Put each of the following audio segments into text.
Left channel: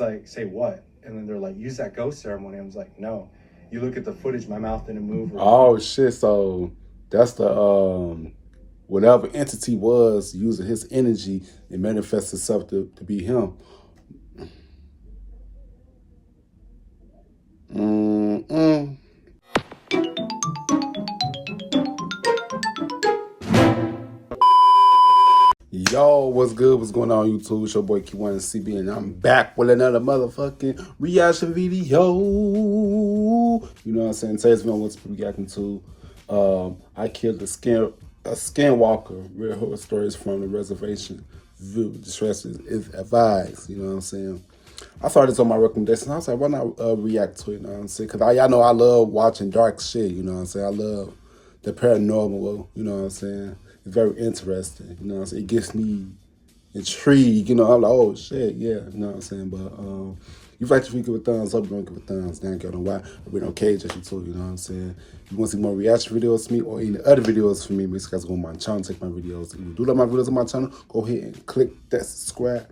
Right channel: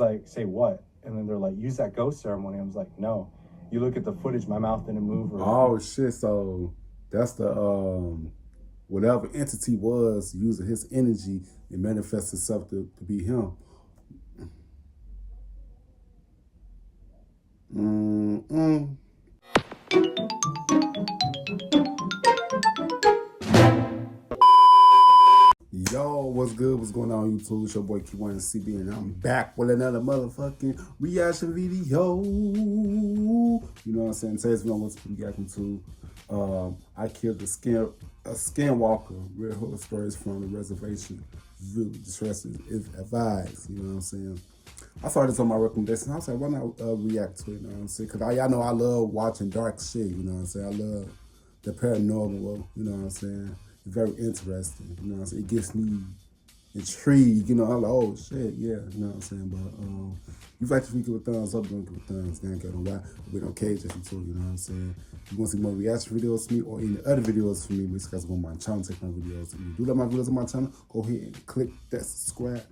like, say what? And then they're like, use that ghost ceremony. I was like, no. You look at the footage, my mouth didn't move. Oh shit! So that's the whatever entity was using his energy and manifests itself to be him. Mm-mm. Yo, what's good? What's going on, YouTube? It's your boy K1LL3D, and I'm back with another motherfucking reaction video. You know what I'm saying? Today's video, what's reacting to? I killed a Skinwalker. Real horror stories from the Reservation. View discretion is advised. You know what I'm saying? I saw this on my recommendation. I was like, why not react to it? You know what I'm saying? Because y'all know I love watching dark shit. You know what I'm saying? I love the paranormal. You know what I'm saying? It's very interesting. You know what I'm saying? It gets me intrigued. You know, I'm like, oh shit, yeah. You know what I'm saying? But you like to give a thumbs up, don't give a thumbs down. Get on why we don't cage at you too. You know what I'm saying? If you want to see more reaction videos from me or any other videos from me, make sure you guys go on my channel, take my videos. If you do like my videos on my channel, go ahead and click that subscribe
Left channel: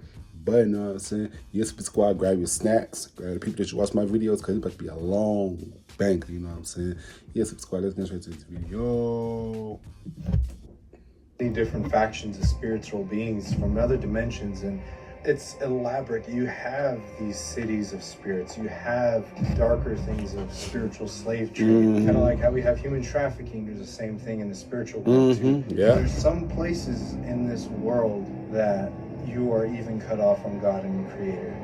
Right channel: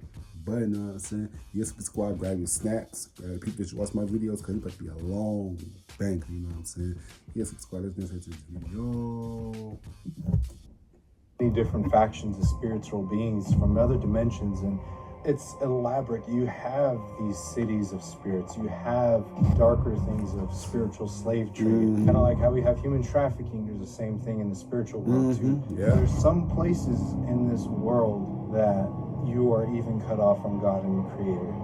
button. You know what I'm saying? Yes, squad, grab your snacks, grab the people that you watch my videos, because it's about to be a long banger. You know what I'm saying? Yes, squad, let's get straight to this video. Many different factions of spiritual beings from other dimensions, and it's elaborate. You have these cities of spirits, you have darker things of spiritual slave trade, kind of like how we have human trafficking. There's the same thing in the spiritual world too. Yeah. There's some places in this world that you are even cut off from God and your creator,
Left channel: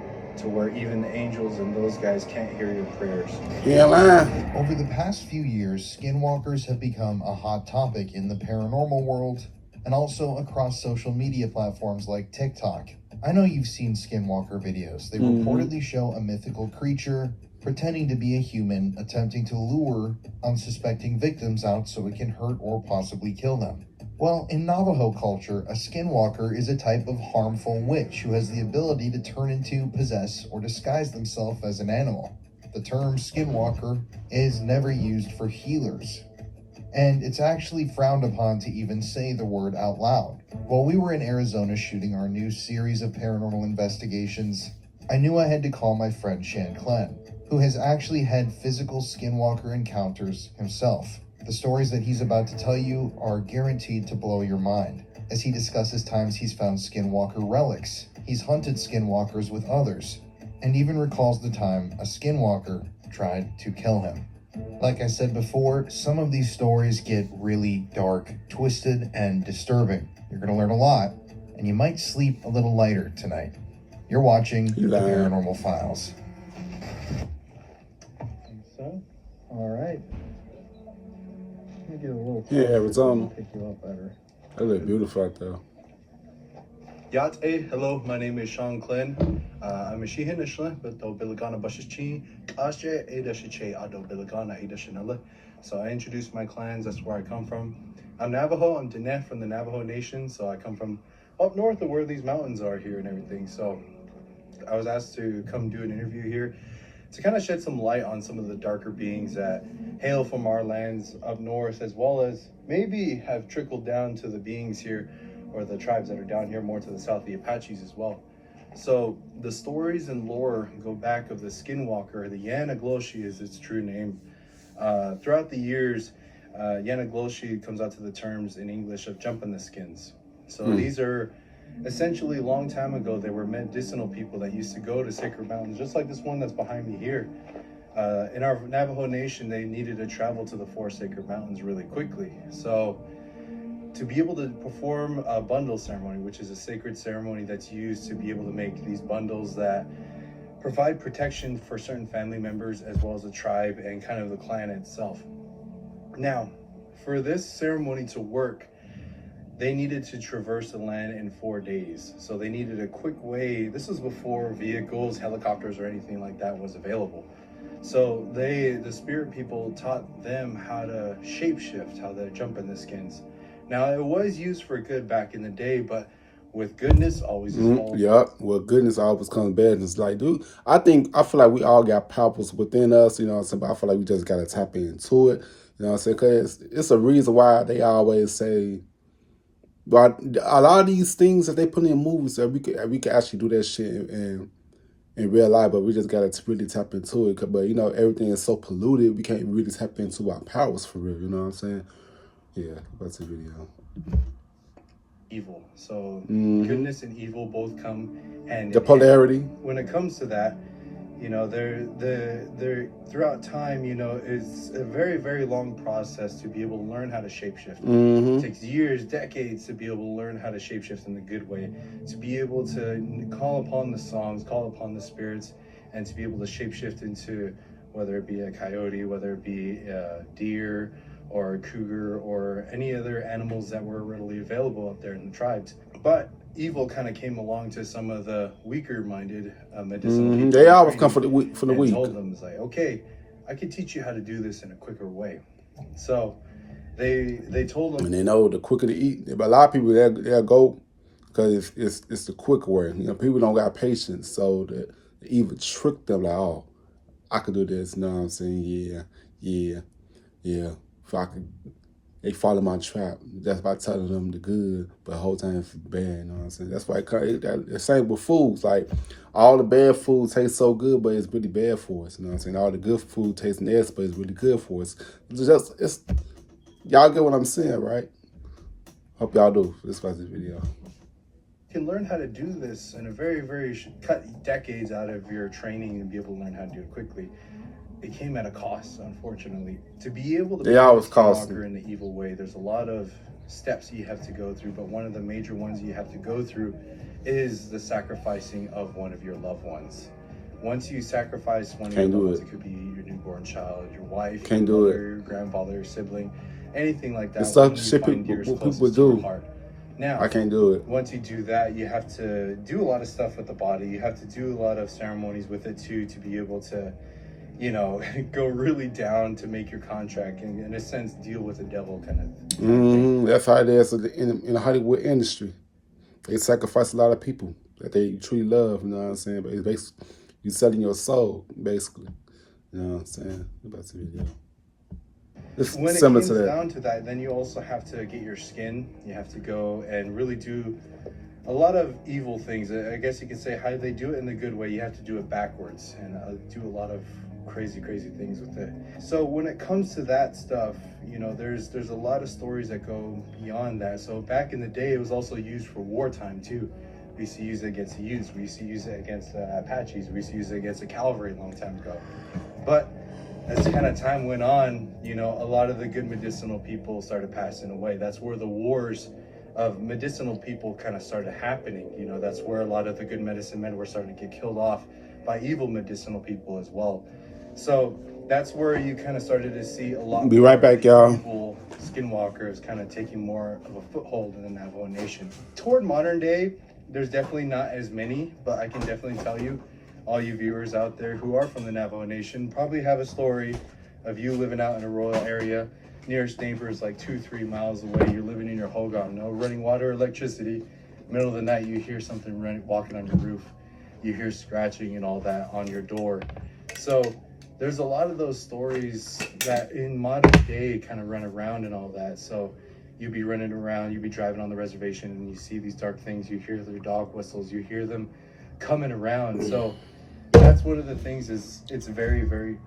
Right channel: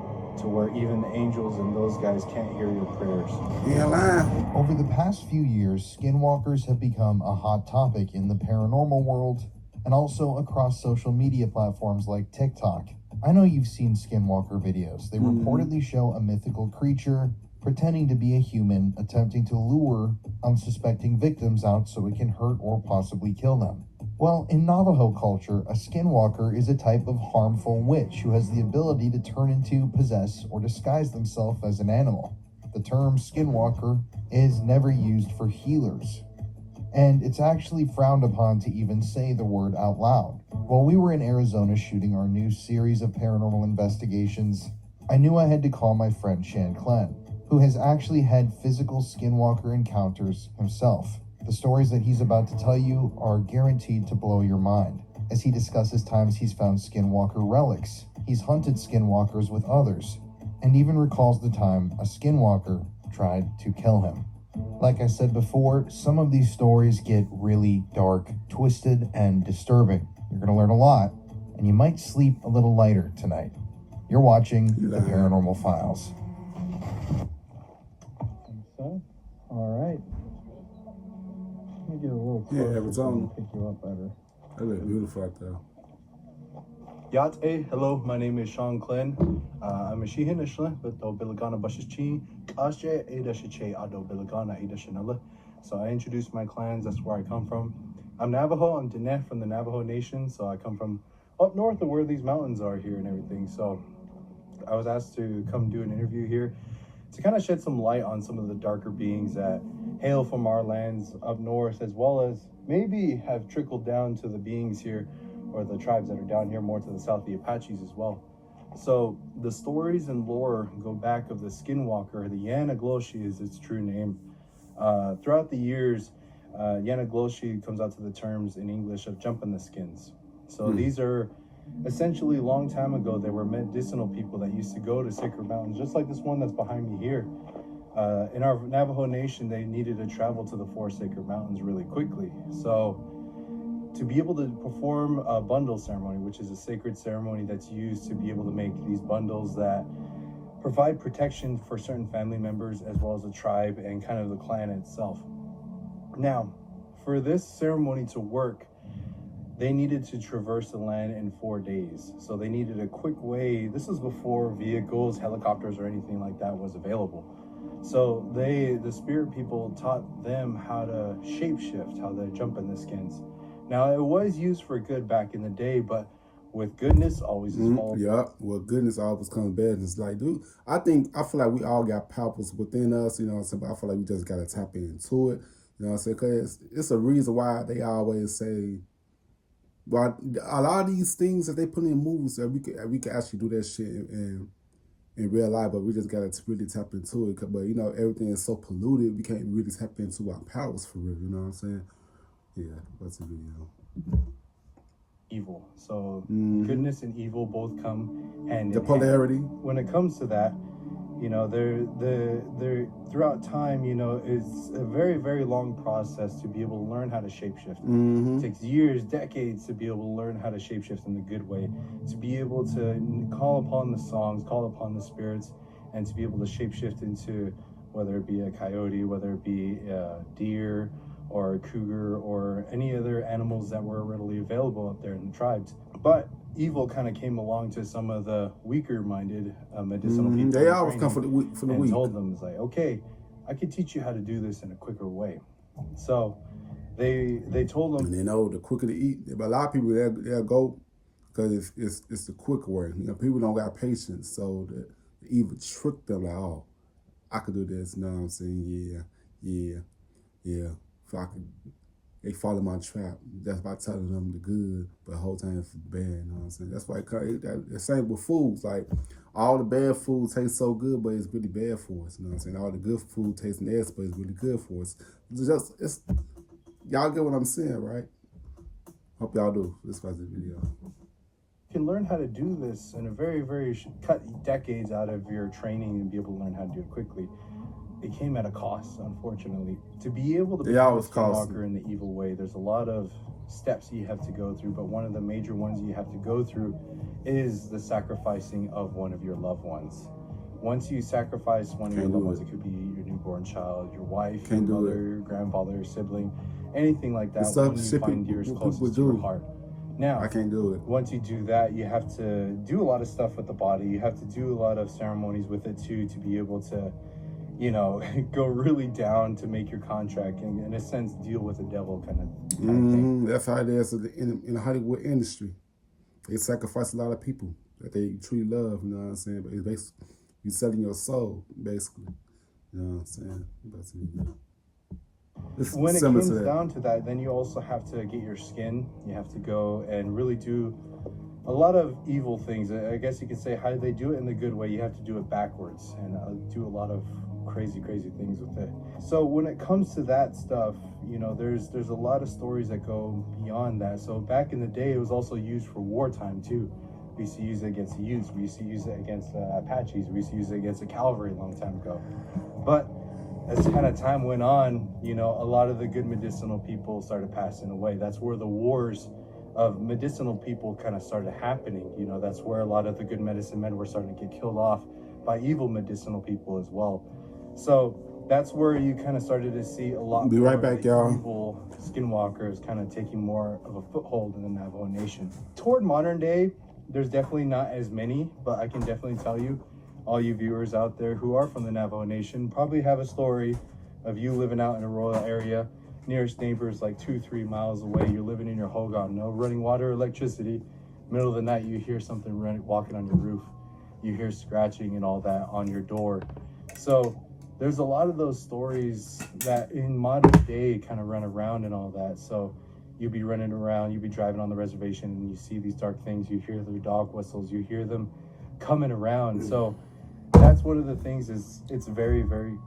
to where even angels and those guys can't hear your prayers. Yeah, man. Over the past few years, skinwalkers have become a hot topic in the paranormal world and also across social media platforms like TikTok. I know you've seen skinwalker videos. They reportedly show a mythical creature pretending to be a human, attempting to lure unsuspecting victims out so it can hurt or possibly kill them. Well, in Navajo culture, a skinwalker is a type of harmful witch who has the ability to turn into, possess, or disguise themselves as an animal. The term skinwalker is never used for healers, and it's actually frowned upon to even say the word out loud. While we were in Arizona shooting our new series of paranormal investigations, I knew I had to call my friend Shan Klen, who has actually had physical skinwalker encounters himself. The stories that he's about to tell you are guaranteed to blow your mind, as he discusses times he's found skinwalker relics, he's hunted skinwalkers with others, and even recalls the time a skinwalker tried to kill him. Like I said before, some of these stories get really dark, twisted, and disturbing. You're going to learn a lot, and you might sleep a little lighter tonight. You're watching The Paranormal Files. So, all right. Let me get a little Yeah, Arizona. pick you up better. That look beautiful out there. Yate, hello, my name is Sean Klen. I'm a Shihinishla, but do Bilagana Bashichi, Ashe, Edashiche, Ado Bilagana, Edashinella. So I introduced my clans, that's where I come from. I'm Navajo, I'm Diné from the Navajo Nation, so I come from up north of where these mountains are here and everything. So I was asked to come do an interview here to kind of shed some light on some of the darker beings that hail from our lands up north, as well as maybe have trickled down to the beings here, or the tribes that are down here more to the south, the Apaches as well. So the stories and lore go back of the Skinwalker. The Yanagloshi is its true name. Throughout the years, Yanagloshi comes out to the terms in English of jumping the skins. So these are essentially, a long time ago, they were medicinal people that used to go to sacred mountains, just like this one that's behind me here. In our Navajo Nation, they needed to travel to the 4 sacred mountains really quickly. So to be able to perform a bundle ceremony, which is a sacred ceremony that's used to be able to make these bundles that provide protection for certain family members as well as the tribe and kind of the clan itself. Now, for this ceremony to work, they needed to traverse the land in 4 days. So they needed a quick way. This was before vehicles, helicopters, or anything like that was available. So the spirit people taught them how to shapeshift, how to jump in the skins. Now, it was used for good back in the day, but with goodness always is all. Yup. Well, goodness always comes bad. And it's like, dude, I feel like we all got powers within us, you know what I'm saying? But I feel like we just got to tap into it, you know what I'm saying? Because it's a reason why they always say, but a lot of these things that they put in movies, that we could actually do that shit in real life, but we just gotta really tap into it. But you know, everything is so polluted, we can't really tap into our powers for real. You know what I'm saying? Yeah, that's the video. Evil. So Mhm. goodness and evil both come hand The in polarity. hand. When it comes to that, you know, they're throughout time, you know, it's a very, very long process to be able to learn how to shapeshift. Mm-hmm. It takes years, decades to be able to learn how to shapeshift in the good way, to be able to call upon the songs, call upon the spirits, and to be able to shapeshift into whether it be a coyote, whether it be a deer or a cougar or any other animals that were readily available up there in the tribes. But evil kind of came along to some of the weaker-minded medicinal people. They always come from the weak. And told them, it's like, okay, I can teach you how to do this in a quicker way. So they told them, and they know the quicker to eat. But a lot of people they'll go because it's the quick way. You know, people don't got patience, so they even trick them like, oh, I could do this. You know what I'm saying? Yeah. If I could, they fall in my trap. That's by telling them the good, but the whole time it's bad. You know what I'm saying? That's why the same with foods. Like all the bad food tastes so good, but it's really bad for us. You know what I'm saying? All the good food tastes nasty, but it's really good for us. It's y'all get what I'm saying, right? Hope y'all do. This was this video. You can learn how to do this in a very, very cut decades out of your training and be able to learn how to do it quickly. It came at a cost, unfortunately. To be able to be a Skinwalker in the evil way, there's a lot of steps you have to go through, but one of the major ones you have to go through is the sacrificing of one of your loved ones. Once you sacrifice one of your loved ones, it could be your newborn child, your wife, your mother, your grandfather, your sibling, anything like that. The stuff shit people do. Now, I can't do it. Once you do that, you have to do a lot of stuff with the body. You have to do a lot of ceremonies with it too, to be able to, you know, go really down to make your contract and, in a sense, deal with the devil kind of thing. That's how it is in the Hollywood industry. They sacrifice a lot of people that they truly love, you know what I'm saying? But it's basically, you're selling your soul, basically. You know what I'm saying? That's the video. When it comes down to that, then you also have to get your skin. You have to go and really do a lot of evil things. I guess you could say how they do it in the good way. You have to do it backwards and do a lot of crazy things with it. So when it comes to that stuff, you know, there's a lot of stories that go beyond that. So back in the day, it was also used for wartime too. We used to use it against the Utes. We used to use it against Apaches. We used to use it against the cavalry a long time ago. But as kind of time went on, you know, a lot of the good medicinal people started passing away. That's where the wars of medicinal people kind of started happening. You know, that's where a lot of the good medicine men were starting to get killed off by evil medicinal people as well. So that's where you kind of started to see a lot. Be right back, y'all. Evil skinwalkers kind of taking more of a foothold in the Navajo Nation. Toward modern day, there's definitely not as many, but I can definitely tell you, all you viewers out there who are from the Navajo Nation probably have a story of you living out in a rural area. Nearest neighbors like 2-3 miles away. You're living in your hogan, no running water or electricity. Middle of the night, you hear something walking on your roof. You hear scratching and all that on your door. So there's a lot of those stories that in modern day kind of run around and all that. So you'd be running around, you'd be driving on the reservation and you see these dark things. You hear their dog whistles, you hear them coming around. So that's one of the things is it's very, very...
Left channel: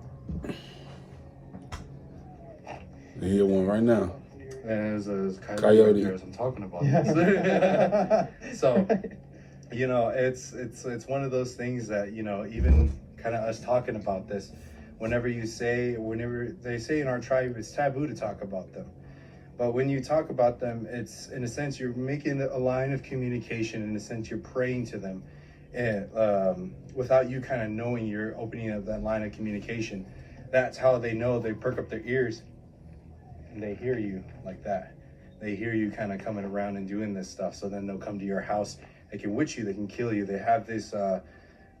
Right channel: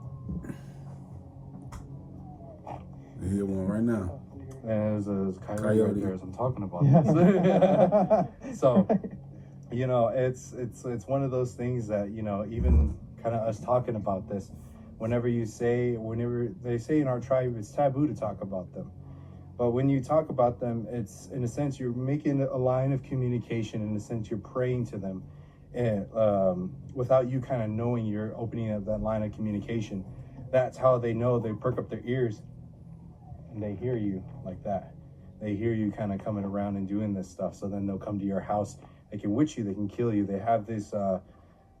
You hear one right now. And there's a coyote right there as I'm talking about this. So, you know, it's one of those things that, you know, even kind of us talking about this, whenever they say in our tribe, it's taboo to talk about them. But when you talk about them, it's, in a sense, you're making a line of communication. In a sense, you're praying to them. And without you kind of knowing, you're opening up that line of communication. That's how they know. They perk up their ears and they hear you like that. They hear you kind of coming around and doing this stuff. So then they'll come to your house. They can witch you. They can kill you. They have this,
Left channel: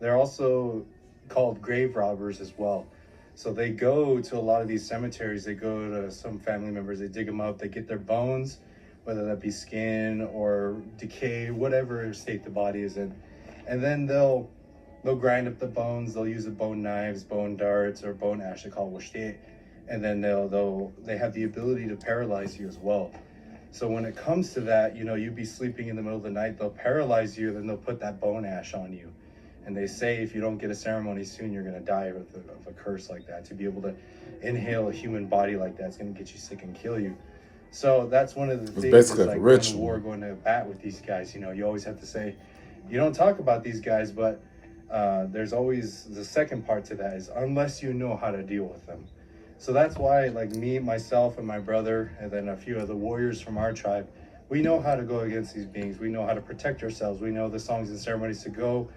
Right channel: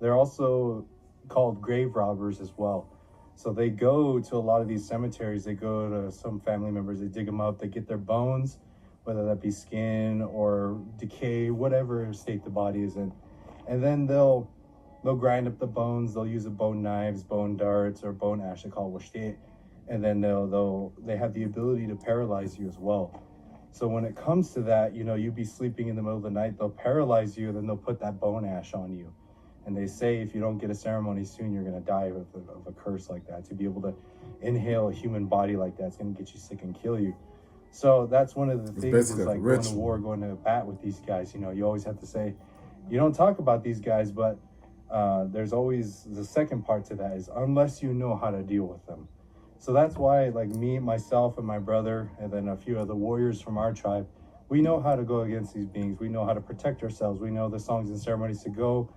they're also called grave robbers as well. So they go to a lot of these cemeteries. They go to some family members. They dig them up. They get their bones, whether that be skin or decay, whatever state the body is in. And then they'll grind up the bones. They'll use the bone knives, bone darts, or bone ash. They call it. And then they have the ability to paralyze you as well. So when it comes to that, you know, you'd be sleeping in the middle of the night, they'll paralyze you, then they'll put that bone ash on you. And they say if you don't get a ceremony soon, you're going to die of a curse like that. To be able to inhale a human body like that, it's going to get you sick and kill you. So that's one of the things, is like going to war, going to bat with these guys. You know, you always have to say, you don't talk about these guys, but there's always the second part to that, is unless you know how to deal with them. So that's why, like me, myself, and my brother, and then a few of the warriors from our tribe, we know how to go against these beings. We know how to protect ourselves. We know the songs and ceremonies to go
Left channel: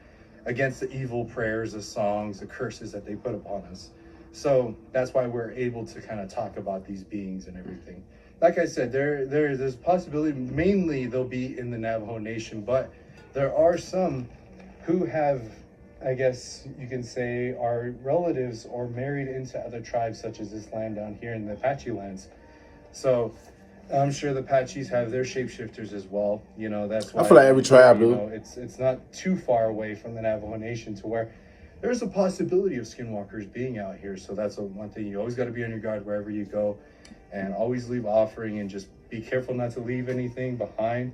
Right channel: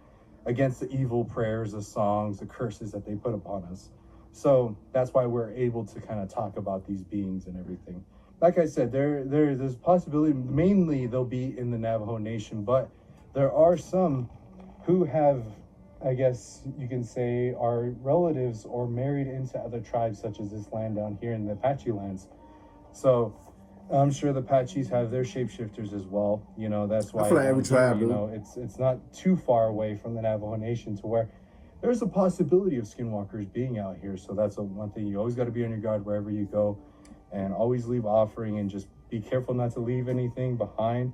against the evil prayers, the songs, the curses that they put upon us. So that's why we're able to kind of talk about these beings and everything. Like I said, there's possibility, mainly they'll be in the Navajo Nation, but there are some who have, I guess you can say, are relatives or married into other tribes, such as this land down here in the Apache lands. So I'm sure the Apaches have their shapeshifters as well. You know, that's why I feel like every tribe, you know, it's not too far away from the Navajo Nation to where there's a possibility of skinwalkers being out here. So that's one thing. You always got to be on your guard wherever you go, and always leave offering, and just be careful not to leave anything behind.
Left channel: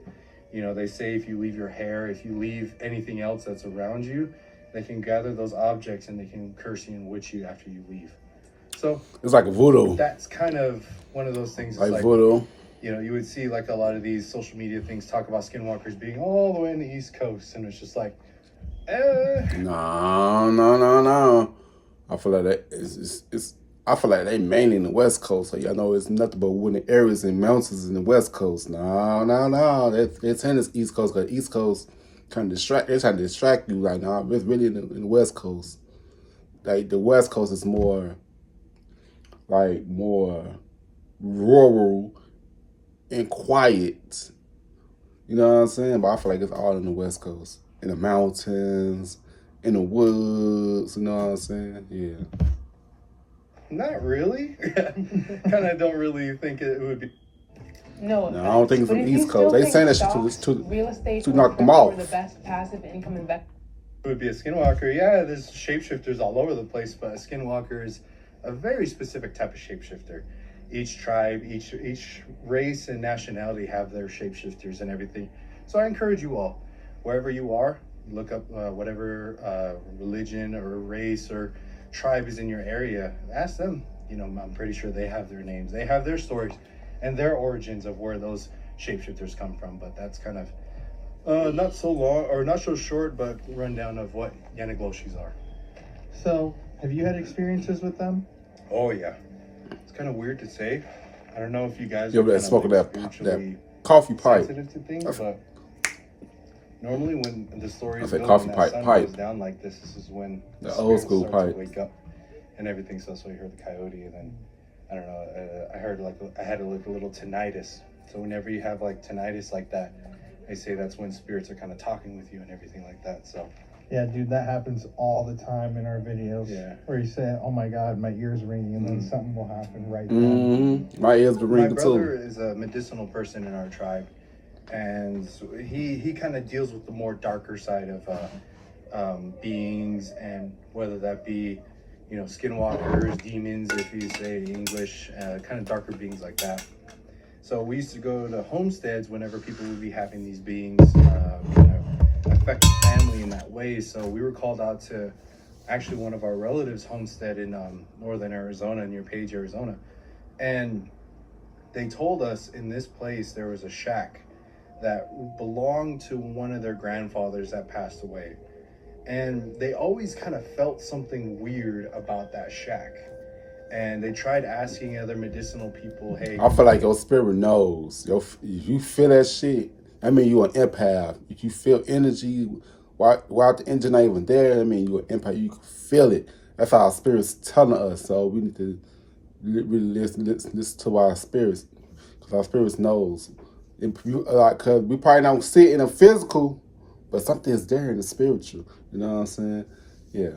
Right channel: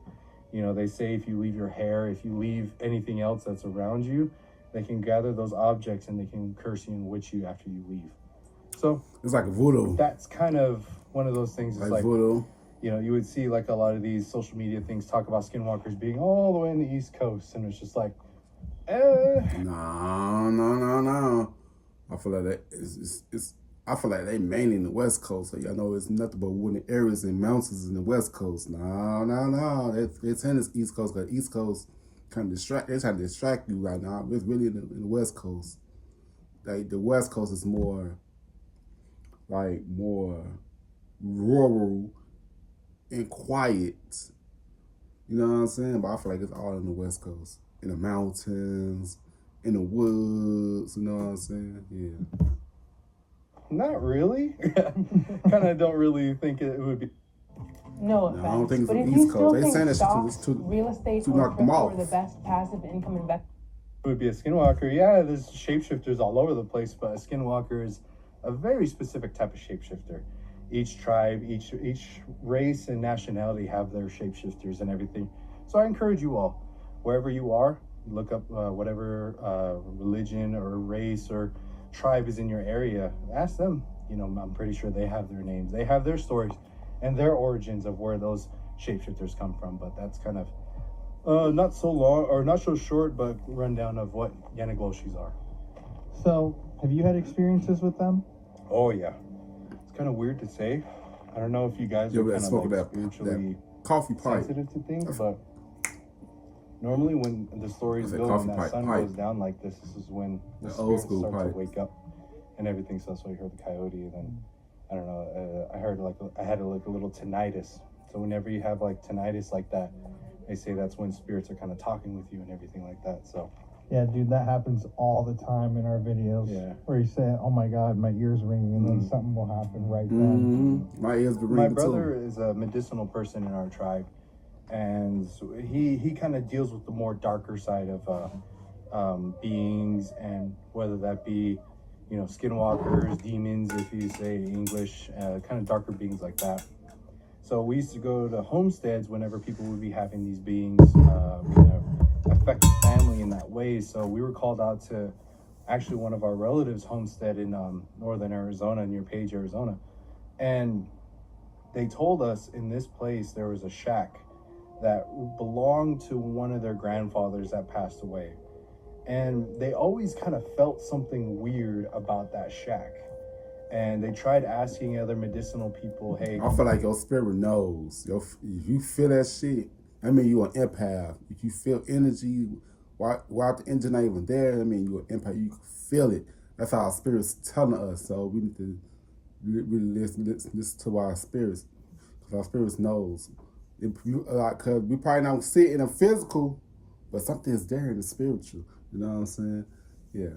You know, they say if you leave your hair, if you leave anything else that's around you, they can gather those objects and they can curse you and witch you after you leave. So it's like a voodoo. That's kind of one of those things. Like voodoo. You know, you would see like a lot of these social media things talk about skinwalkers being all the way in the East Coast, and it's just like, No. I feel like that I feel like they mainly in the West Coast. So y'all know it's nothing but wooded areas and mountains in the West Coast. No. They're saying it's East Coast, because East Coast trying to distract. They're trying to distract you right now. It's really in the West Coast. Like the West Coast is more rural and quiet. You know what I'm saying? But I feel like it's all in the West Coast. In the mountains, in the woods, you know what I'm saying? Yeah. Not really. Kind of don't really think it would be. No, I don't think it's but from if East you still Coast. They think saying that stocks, shit to real estate, to or knock them crypto off. are the best passive income investment. It would be a skinwalker. Yeah, there's shapeshifters all over the place, but a skinwalker is a very specific type of shapeshifter. Each tribe, each race and nationality have their shapeshifters and everything. So I encourage you all, wherever you are, look up whatever religion or race or tribe is in your area. Ask them. You know, I'm pretty sure they have their names. They have their stories and their origins of where those shapeshifters come from. But that's kind of not so long, or not so short, but rundown of what Yanagloshis are. So, have you had experiences with them? Oh yeah, it's kind of weird to say. I don't know if you guys Yeah, are but kind of smoking like that spiritually coffee pipe. sensitive to things, but normally when the stories I say go, coffee when pipe, that sun pipe. goes down like this is when The the old spirits school start pipe. to wake up and everything. So that's why you heard the coyote, and then I don't know. I heard like I had like a little tinnitus. So whenever you have like tinnitus like that, they say that's when spirits are kind of talking with you and everything like that. So Yeah, dude, that happens all the time in our videos. Yeah. Where you say, "Oh my God, my ear's ringing," and then something will happen right then. My ears been my ringing brother too. is a medicinal person in our tribe, and so he kind of deals with the more darker side of beings, and whether that be, you know, skinwalkers, demons, if you say English, kind of darker beings like that. So we used to go to homesteads whenever people would be having these beings affect the family in that way. So we were called out to actually one of our relatives' homestead in northern Arizona, near Page, Arizona. And they told us in this place there was a shack that belonged to one of their grandfathers that passed away. And they always kind of felt something weird about that shack. And they tried asking other medicinal people, hey, I feel like your spirit knows. If you feel that shit, I mean, you're an empath. If you feel energy while the engine not even there, I mean, you're an empath. You can feel it. That's how our spirit's telling us. So we need to really listen to our spirits, because our spirits knows. Because we probably don't see it in the physical, but something is there in the spiritual. You know what I'm saying? Yeah.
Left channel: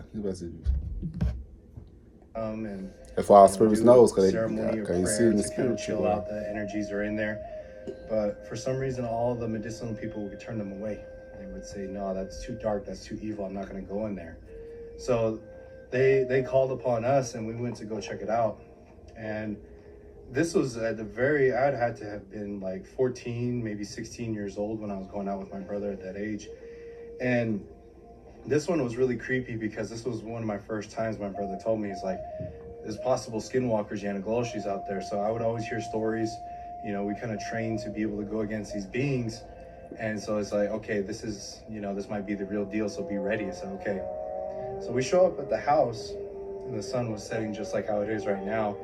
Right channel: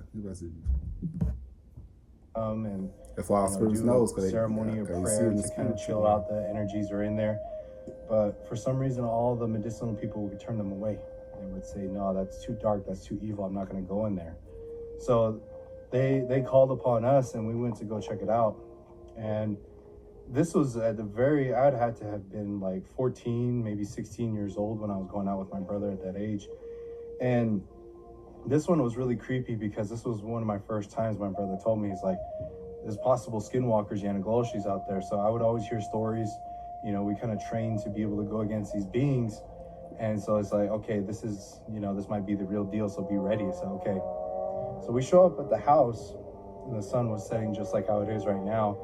and that's why our you know, spirits do knows, a because ceremony or they see prayer in the to kind of spiritual. chill out. The energies are in there, but for some reason, all the medicinal people would turn them away. They would say, "No, that's too dark. That's too evil. I'm not going to go in there." So they called upon us, and we went to go check it out. And this was at the very, I'd had to have been like 14, maybe 16 years old when I was going out with my brother at that age. And This one was really creepy because this was one of my first times my brother told me, he's like, there's possible skinwalkers, Yanagloshis out there. So I would always hear stories, you know, we kind of trained to be able to go against these beings. And so it's like, okay, this is, you know, this might be the real deal, so be ready. So, okay. So we show up at the house, and the sun was setting just like how it is right now.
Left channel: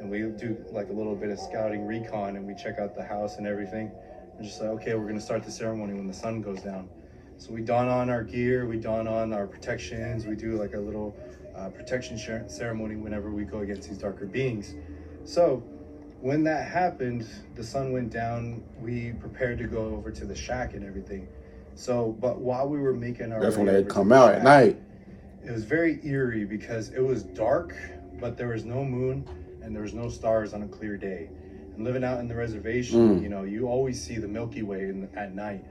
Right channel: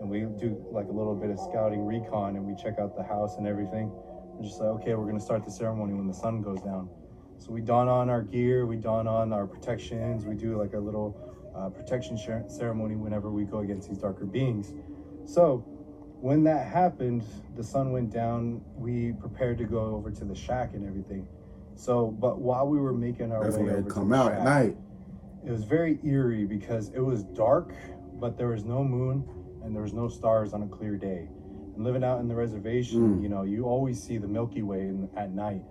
And we do like a little bit of scouting recon, and we check out the house and everything. We're just like, okay, we're going to start the ceremony when the sun goes down. So we don on our gear, we don on our protections, we do like a little protection ceremony whenever we go against these darker beings. So when that happened, the sun went down, we prepared to go over to the shack and everything. So, but while we were making our That's way when they over come to the out shack, at night. it was very eerie because it was dark, but there was no moon and there was no stars on a clear day. And living out in the reservation, you know, you always see the Milky Way at night.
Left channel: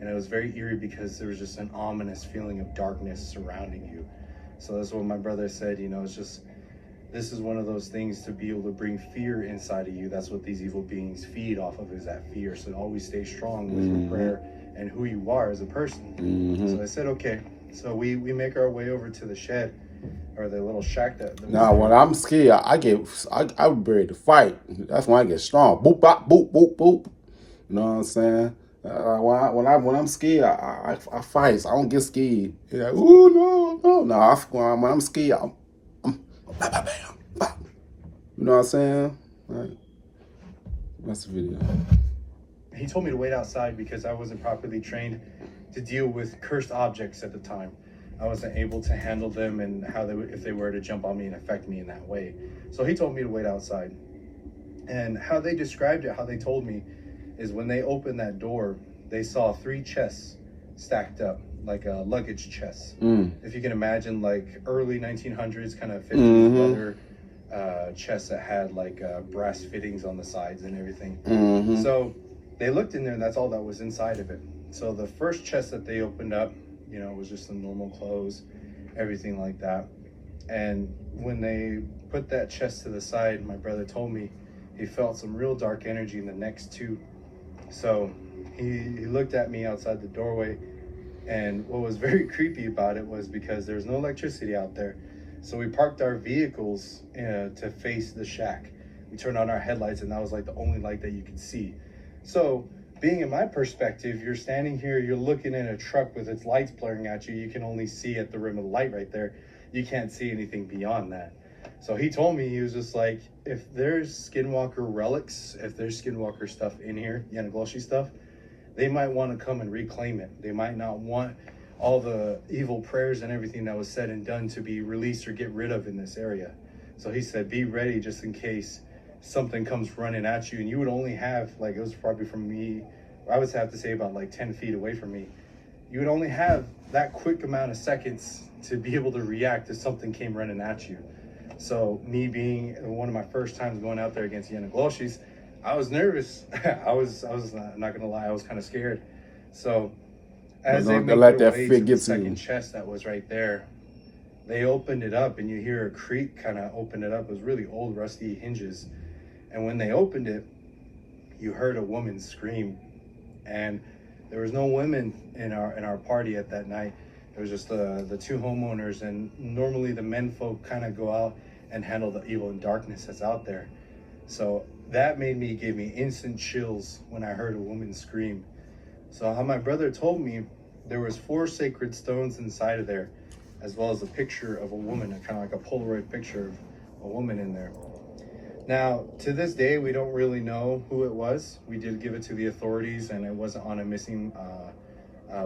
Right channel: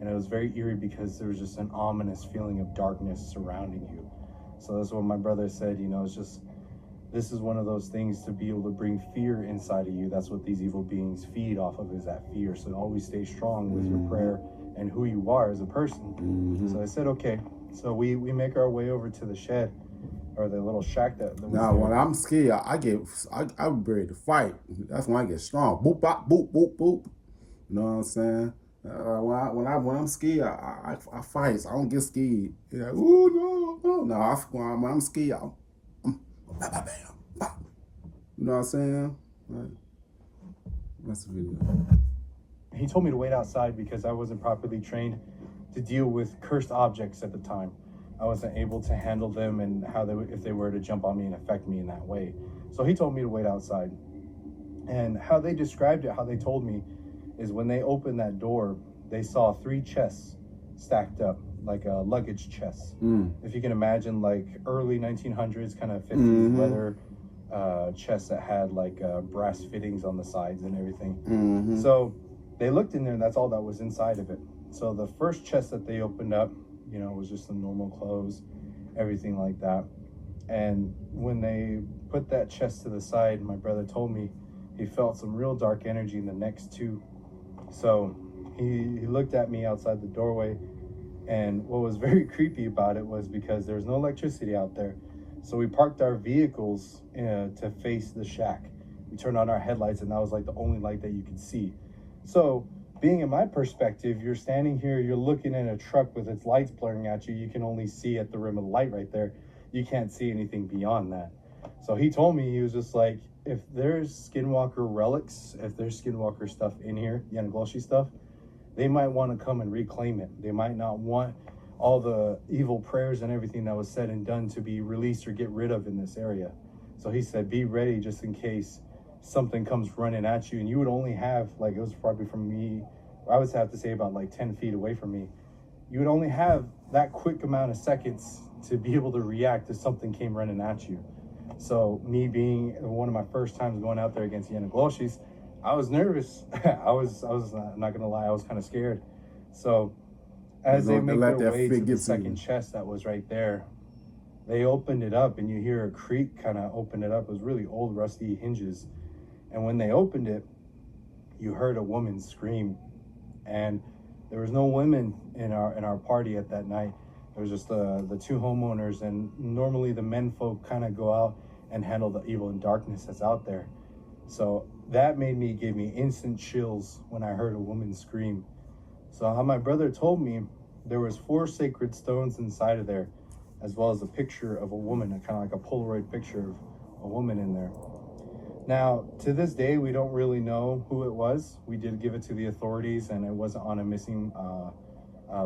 And it was very eerie because there was just an ominous feeling of darkness surrounding you. So that's what my brother said, you know, it's just, this is one of those things to be able to bring fear inside of you. That's what these evil beings feed off of, is that fear. So always stay strong with your prayer and who you are as a person. So I said, okay. So we make our way over to the shed, or the little shack that was Now, there. when I'm scared, I'm ready to fight. That's when I get strong. Boop, bop, boop, boop, boop. You know what I'm saying? When I'm scared, I fight. So I don't get scared. You're like, ooh, no. When I'm scared, I'm bam, bam, bam. You know what I'm saying? Right. That's the video. He told me to wait outside because I wasn't properly trained to deal with cursed objects at the time. I wasn't able to handle them and how they would, if they were to jump on me and affect me in that way. So he told me to wait outside. And how they described it, how they told me, is when they opened that door, they saw 3 chests stacked up, like a luggage chest. If you can imagine, like early 1900s, kind of 50s leather chests that had like brass fittings on the sides and everything. So they looked in there, and that's all that was inside of it. So the first chest that they opened up, you know, was just some normal clothes, everything like that. And when they put that chest to the side, my brother told me he felt some real dark energy in the next 2. So he looked at me outside the doorway, and what was very creepy about it was because there's no electricity out there. So we parked our vehicles to face the shack. We turned on our headlights, and that was like the only light that you could see. So being in my perspective, you're standing here, you're looking in a truck with its lights blaring at you. You can only see at the rim of the light right there. You can't see anything beyond that. So he told me, he was just like, if there's Skinwalker relics, if there's Skinwalker stuff in here, Yanagloshi stuff, they might want to come and reclaim it. They might not want all the evil prayers and everything that was said and done to be released or get rid of in this area. So he said, be ready just in case something comes running at you. And you would only have, like, it was probably from me, I would have to say about like 10 feet away from me. You would only have that quick amount of seconds to be able to react if something came running at you. So me being one of my first times going out there against Yanagloshis, I was nervous. I was not gonna lie, I was kind of scared. So as they make their way to the second chest that was right there, they opened it up, and you hear a creak kind of open it up. It was really old, rusty hinges. And when they opened it, you heard a woman scream. And there was no women in our party at that night. It was just the 2 homeowners, and normally the men folk kind of go out and handle the evil and darkness that's out there. So that gave me instant chills when I heard a woman scream. So how my brother told me, there was 4 sacred stones inside of there, as well as a picture of a woman, kind of like a Polaroid picture of a woman in there. Now, to this day, we don't really know who it was. We did give it to the authorities, and it wasn't on a missing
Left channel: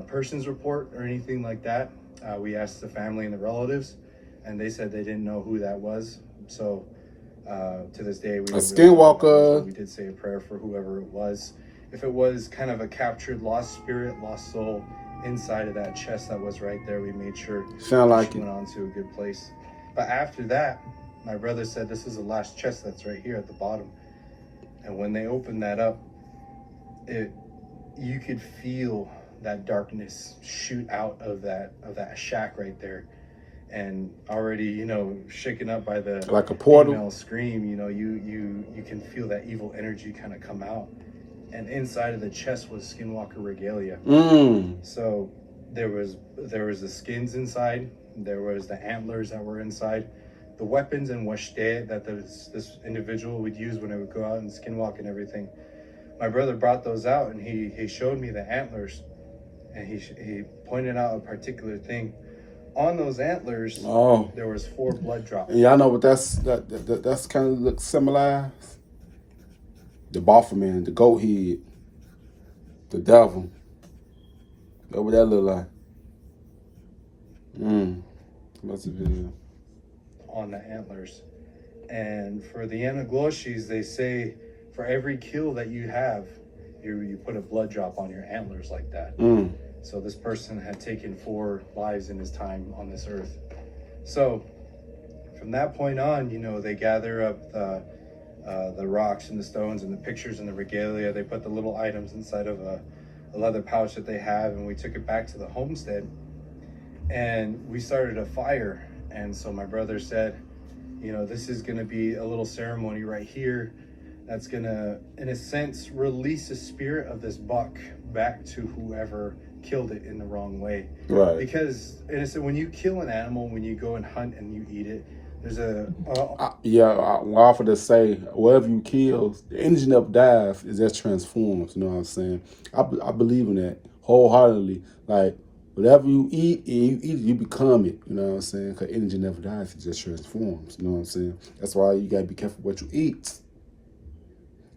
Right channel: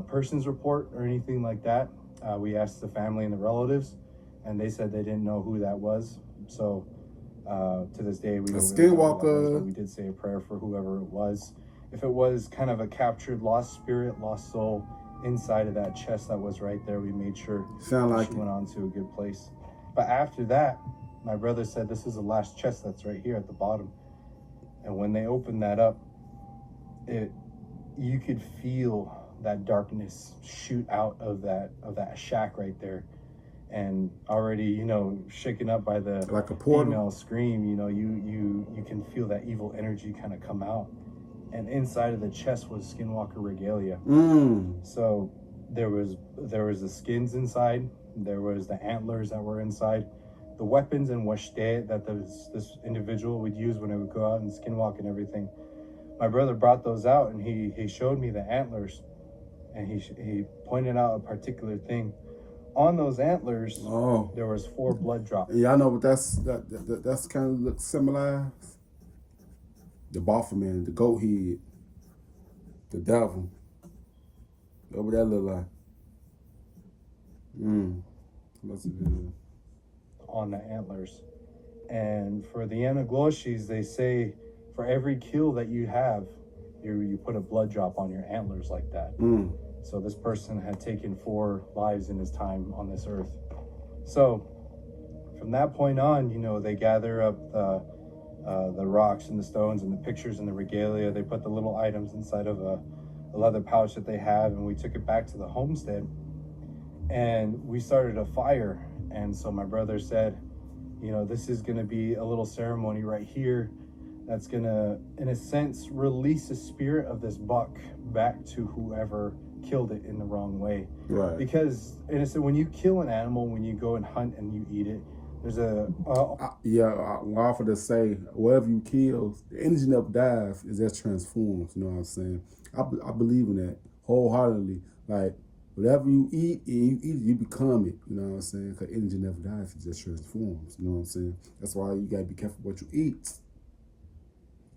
persons report or anything like that. We asked the family and the relatives, and they said they didn't know who that was. So to this day, we don't really know who that was, but we did say a prayer for whoever it was. If it was kind of a captured lost spirit, lost soul inside of that chest that was right there, we made sure she went on to a good place. But after that, my brother said, this is the last chest that's right here at the bottom. And when they opened that up, you could feel that darkness shoot out of that shack right there. And already, you know, shaken up by the like a portal female scream, you know, you can feel that evil energy kind of come out. And inside of the chest was Skinwalker regalia. So There was the skins inside. There was the antlers that were inside. The weapons and washte that this individual would use when they would go out and skinwalk and everything. My brother brought those out, and he showed me the antlers, and he pointed out a particular thing. On those antlers, there was 4 blood drops. And y'all know what that's kind of looks symbolized? The Baphomet, the goat head, the devil. That's what that look like. What's the video? On the antlers. And for the Anagloshis, they say for every kill that you have, you put a blood drop on your antlers like that. So this person had taken 4 lives in his time on this earth. So from that point on, you know, they gather up the rocks and the stones and the pictures and the regalia. They put the little items inside of a leather pouch that they have, and we took it back to the homestead, and we started a fire. And so my brother said, you know, this is going to be a little ceremony right here that's going to, in a sense, release the spirit of this buck back to whoever killed it in the wrong way. Right. Because, in a sense, when you kill an animal, when you go and hunt and you eat it, there's I offer to say, whatever you kill, the energy never dies, it just transforms, you know what I'm saying? I believe in that wholeheartedly. Like, whatever you eat, you become it, you know what I'm saying? Because energy never dies, it just transforms, you know what I'm saying? That's why you got to be careful what you eat.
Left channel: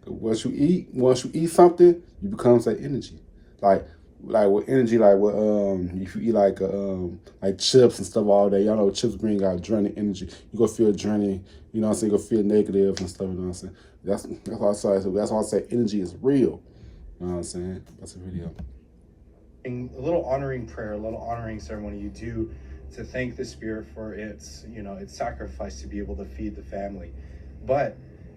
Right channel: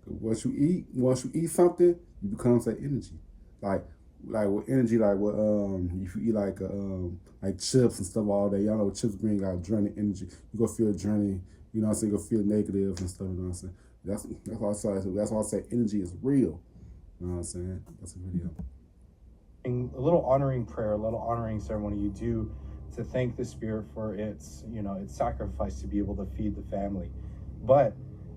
Once you eat something, you become that energy. Like with energy, like with if you eat like chips and stuff all day, y'all know chips bring out draining energy. You go feel draining, you know what I'm saying? You go feel negative and stuff, you know what I'm saying? That's why I say energy is real. You know what I'm saying? That's a video. A little honoring prayer, a little honoring ceremony you do to thank the spirit for its, you know, its sacrifice to be able to feed the family. But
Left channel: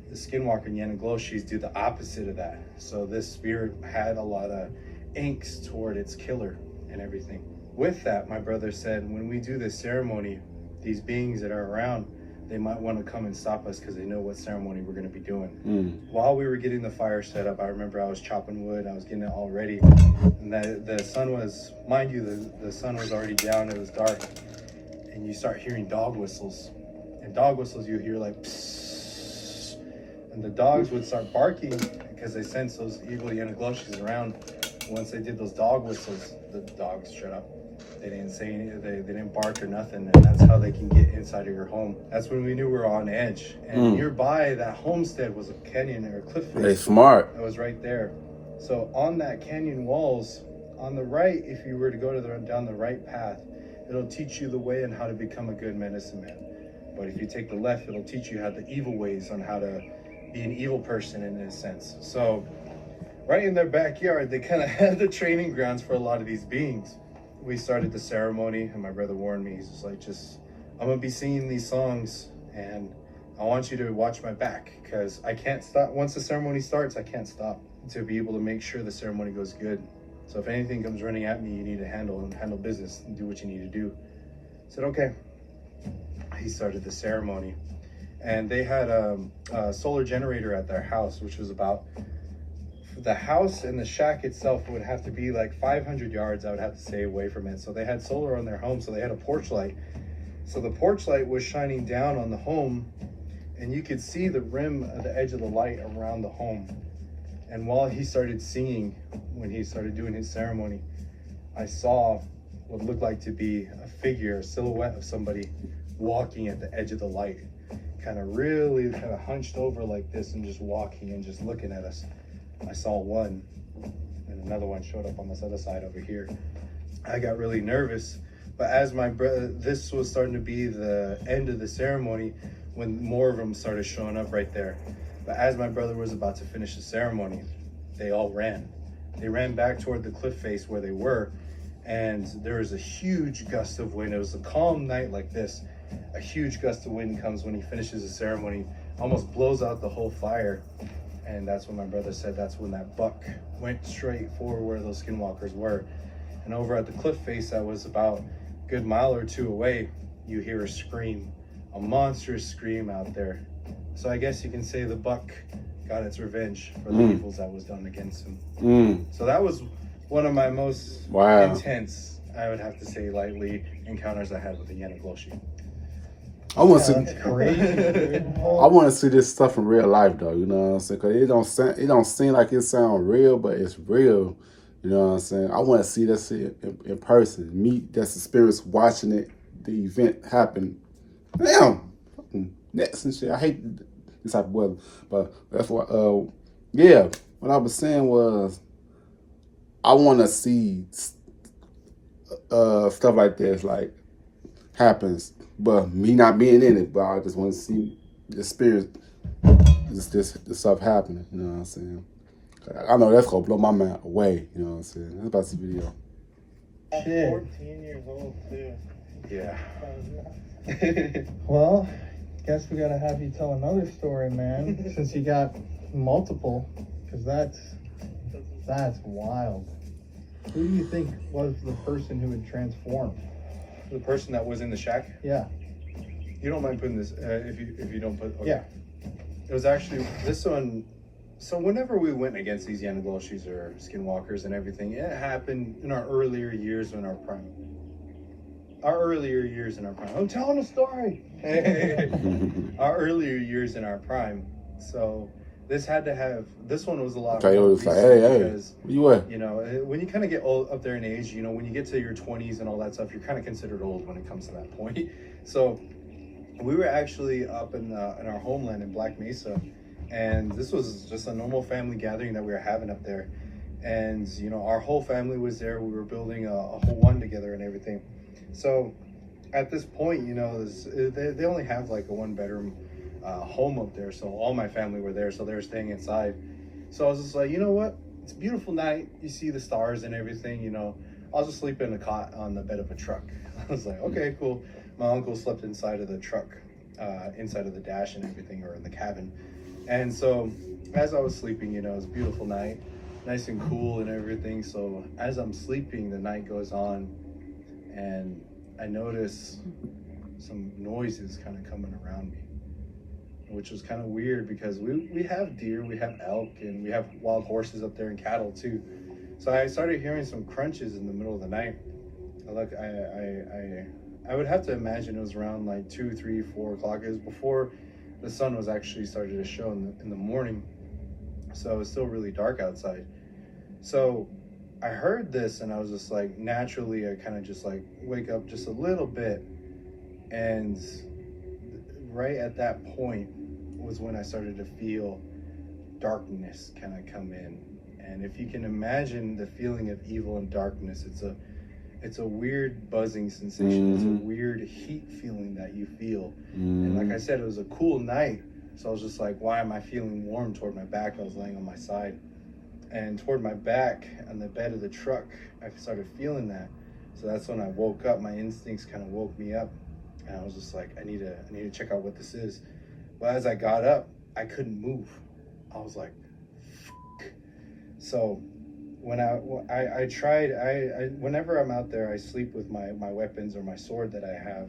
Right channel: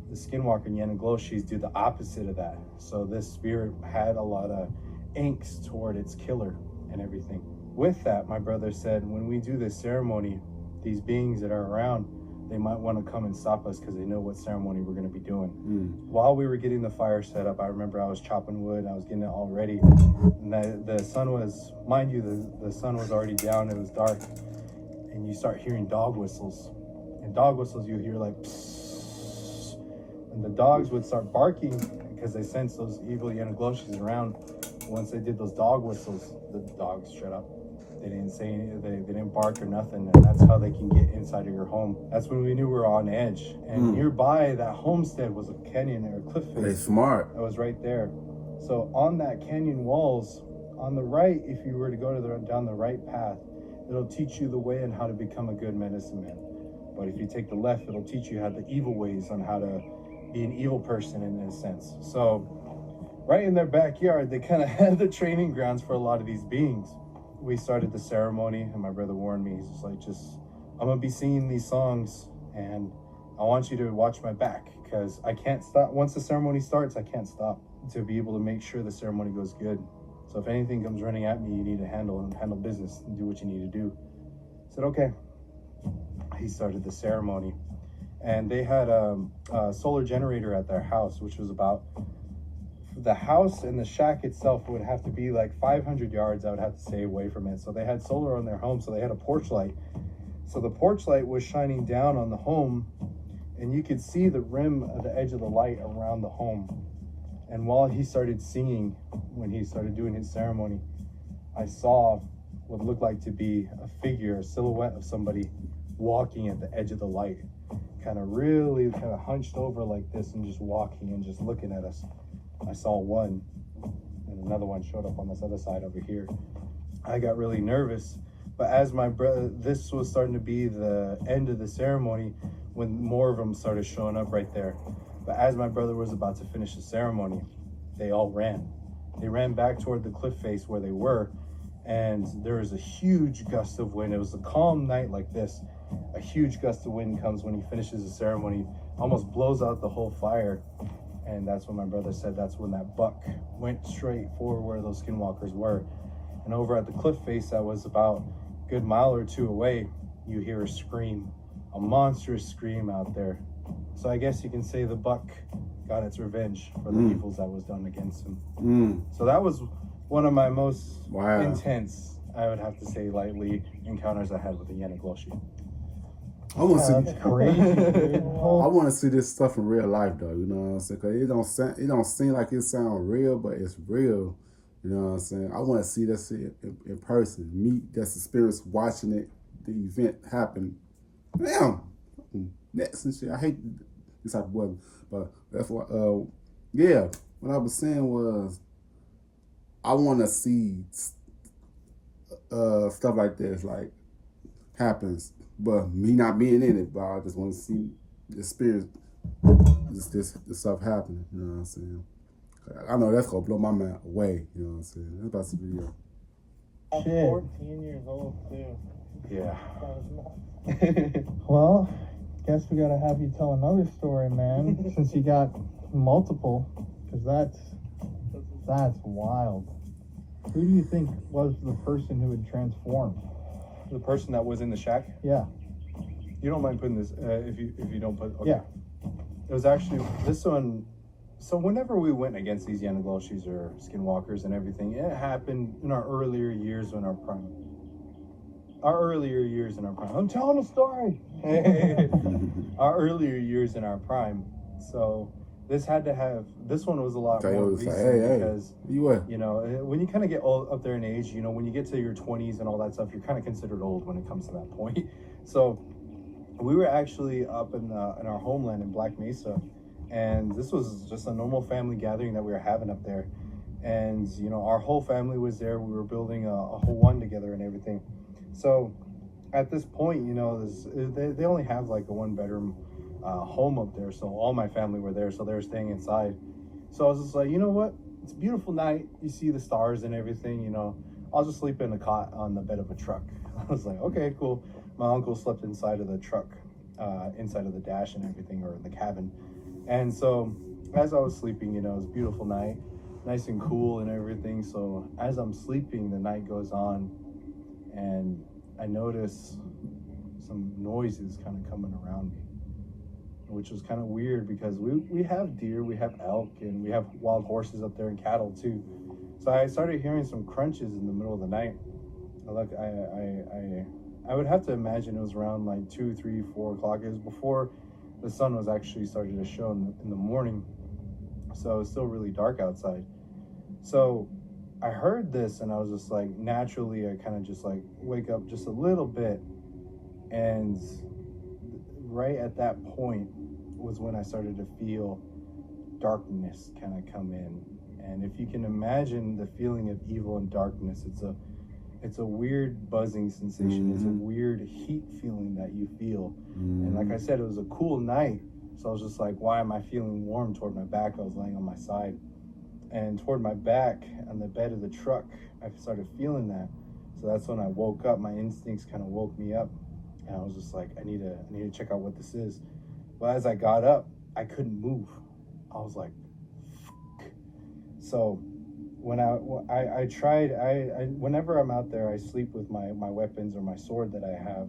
the Skinwalker and Yanagloshis do the opposite of that. So this spirit had a lot of angst toward its killer and everything. With that, my brother said, when we do this ceremony, these beings that are around, they might want to come and stop us because they know what ceremony we're going to be doing. While we were getting the fire set up, I remember I was chopping wood, I was getting it all ready, and the sun was, mind you, the sun was already down, it was dark, and you start hearing dog whistles. And dog whistles you hear like psss, and the dogs would start barking because they sense those evil Yanagloshis around. Once they did those dog whistles, the dogs shut up. They didn't say anything, they didn't bark or nothing, and that's how they can get inside of your home. That's when we knew we were on edge. And nearby that homestead was a canyon or a cliff face. They smart. It was right there. So on that canyon walls, on the right, if you were to go down the right path, it'll teach you the way on how to become a good medicine man. But if you take the left, it'll teach you how the evil ways on how to be an evil person in a sense. So right in their backyard, they kind of had the training grounds for a lot of these beings. We started the ceremony, and my brother warned me. He's just like, I'm going to be singing these songs, and I want you to watch my back, because I can't stop. Once the ceremony starts, I can't stop to be able to make sure the ceremony goes good. So if anything comes running at me, you need to handle business and do what you need to do. I said, okay. He started the ceremony, and they had a solar generator at their house, which was about, the house and the shack itself would have to be like 500 yards, I would have to stay away from it. So they had solar on their home, so they had a porch light. So the porch light was shining down on the home, and you could see the rim of the edge of the light around the home. And while he started singing, when he started doing his ceremony, I saw what looked like to be a figure, a silhouette of somebody walking at the edge of the light, kind of hunched over like this and just walking and just looking at us. I saw one, and another one showed up on this other side over here. I got really nervous, but as my brother, this was starting to be the end of the ceremony when more of them started showing up right there. But as my brother was about to finish the ceremony, they all ran. They ran back toward the cliff face where they were, and there was a huge gust of wind. It was a calm night like this. A huge gust of wind comes when he finishes the ceremony, almost blows out the whole fire. And that's when my brother said that's when that buck went straight for where those skinwalkers were. And over at the cliff face that was about a good mile or two away, you hear a scream, a monstrous scream out there. So I guess you can say the buck got its revenge for the evils that was done against him. So that was one of my most intense I would have to say lightly, encounters I had with the Yanagloshi. I want to That's crazy, dude. I want to see this stuff in real life, though. You know what I'm saying? Cause it don't seem like it sounds real, but it's real. You know what I'm saying? I want to see that shit in person. Meet that's experience watching it, the event happen. Damn, fucking nets and shit. I hate this type of weather, but that's why. Yeah, what I was saying was, I want to see stuff like this, like happens, but me not being in it. But I just want to see the experience, this stuff happening. You know what I'm saying? I know that's gonna blow my mind away. You know what I'm saying? That's about this video. Shit. 14 years old too. Yeah. Well, guess we gotta have you tell another story, man, since you got multiple, because that's wild. Who do you think was the person who had transformed? The person that was in the shack. Yeah. You don't mind putting this if you don't put. Okay. Yeah. It was actually this one. So whenever we went against these Yanagloshis or Skinwalkers and everything, it happened in our earlier years in our prime. I'm telling a story. Our earlier years in our prime. So this one was a lot more Coyote's like, recent hey, because, where you at? you know, when you kind of get old up there in age, you know, when you get to your 20s and all that stuff, you're kind of considered old when it comes to that point. So we were actually up in our homeland in Black Mesa, and this was just a normal family gathering that we were having up there. And, you know, our whole family was there. We were building a whole one together and everything. So at this point, you know, they only have like a 1-bedroom home up there. So all my family were there. So they were staying inside. So I was just like, you know what? It's a beautiful night. You see the stars and everything, you know. I'll just sleep in a cot on the bed of a truck. I was like, okay, cool. My uncle slept inside of the truck, inside of the dash and everything, or in the cabin. And so as I was sleeping, you know, it was a beautiful night, nice and cool and everything. So as I'm sleeping, the night goes on, and I notice some noises kind of coming around me, which was kind of weird because we have deer, we have elk, and we have wild horses up there and cattle too. So I started hearing some crunches in the middle of the night. I would have to imagine it was around like 2, 3, 4 o'clock. It was before the sun was actually started to show in the morning. So it was still really dark outside. So I heard this and I was just like, naturally, I kind of just like wake up just a little bit. And right at that point was when I started to feel darkness kind of come in. And if you can imagine the feeling of evil and darkness, it's a weird buzzing sensation. It's a weird heat feeling that you feel. And like I said, it was a cool night. So I was just like, why am I feeling warm toward my back? I was laying on my side. And toward my back on the bed of the truck, I started feeling that. So that's when I woke up. My instincts kind of woke me up. And I was just like, I need to check out what this is. But as I got up, I couldn't move. I was like, fuck. So when I tried, whenever I'm out there, I sleep with my weapons or my sword that I have.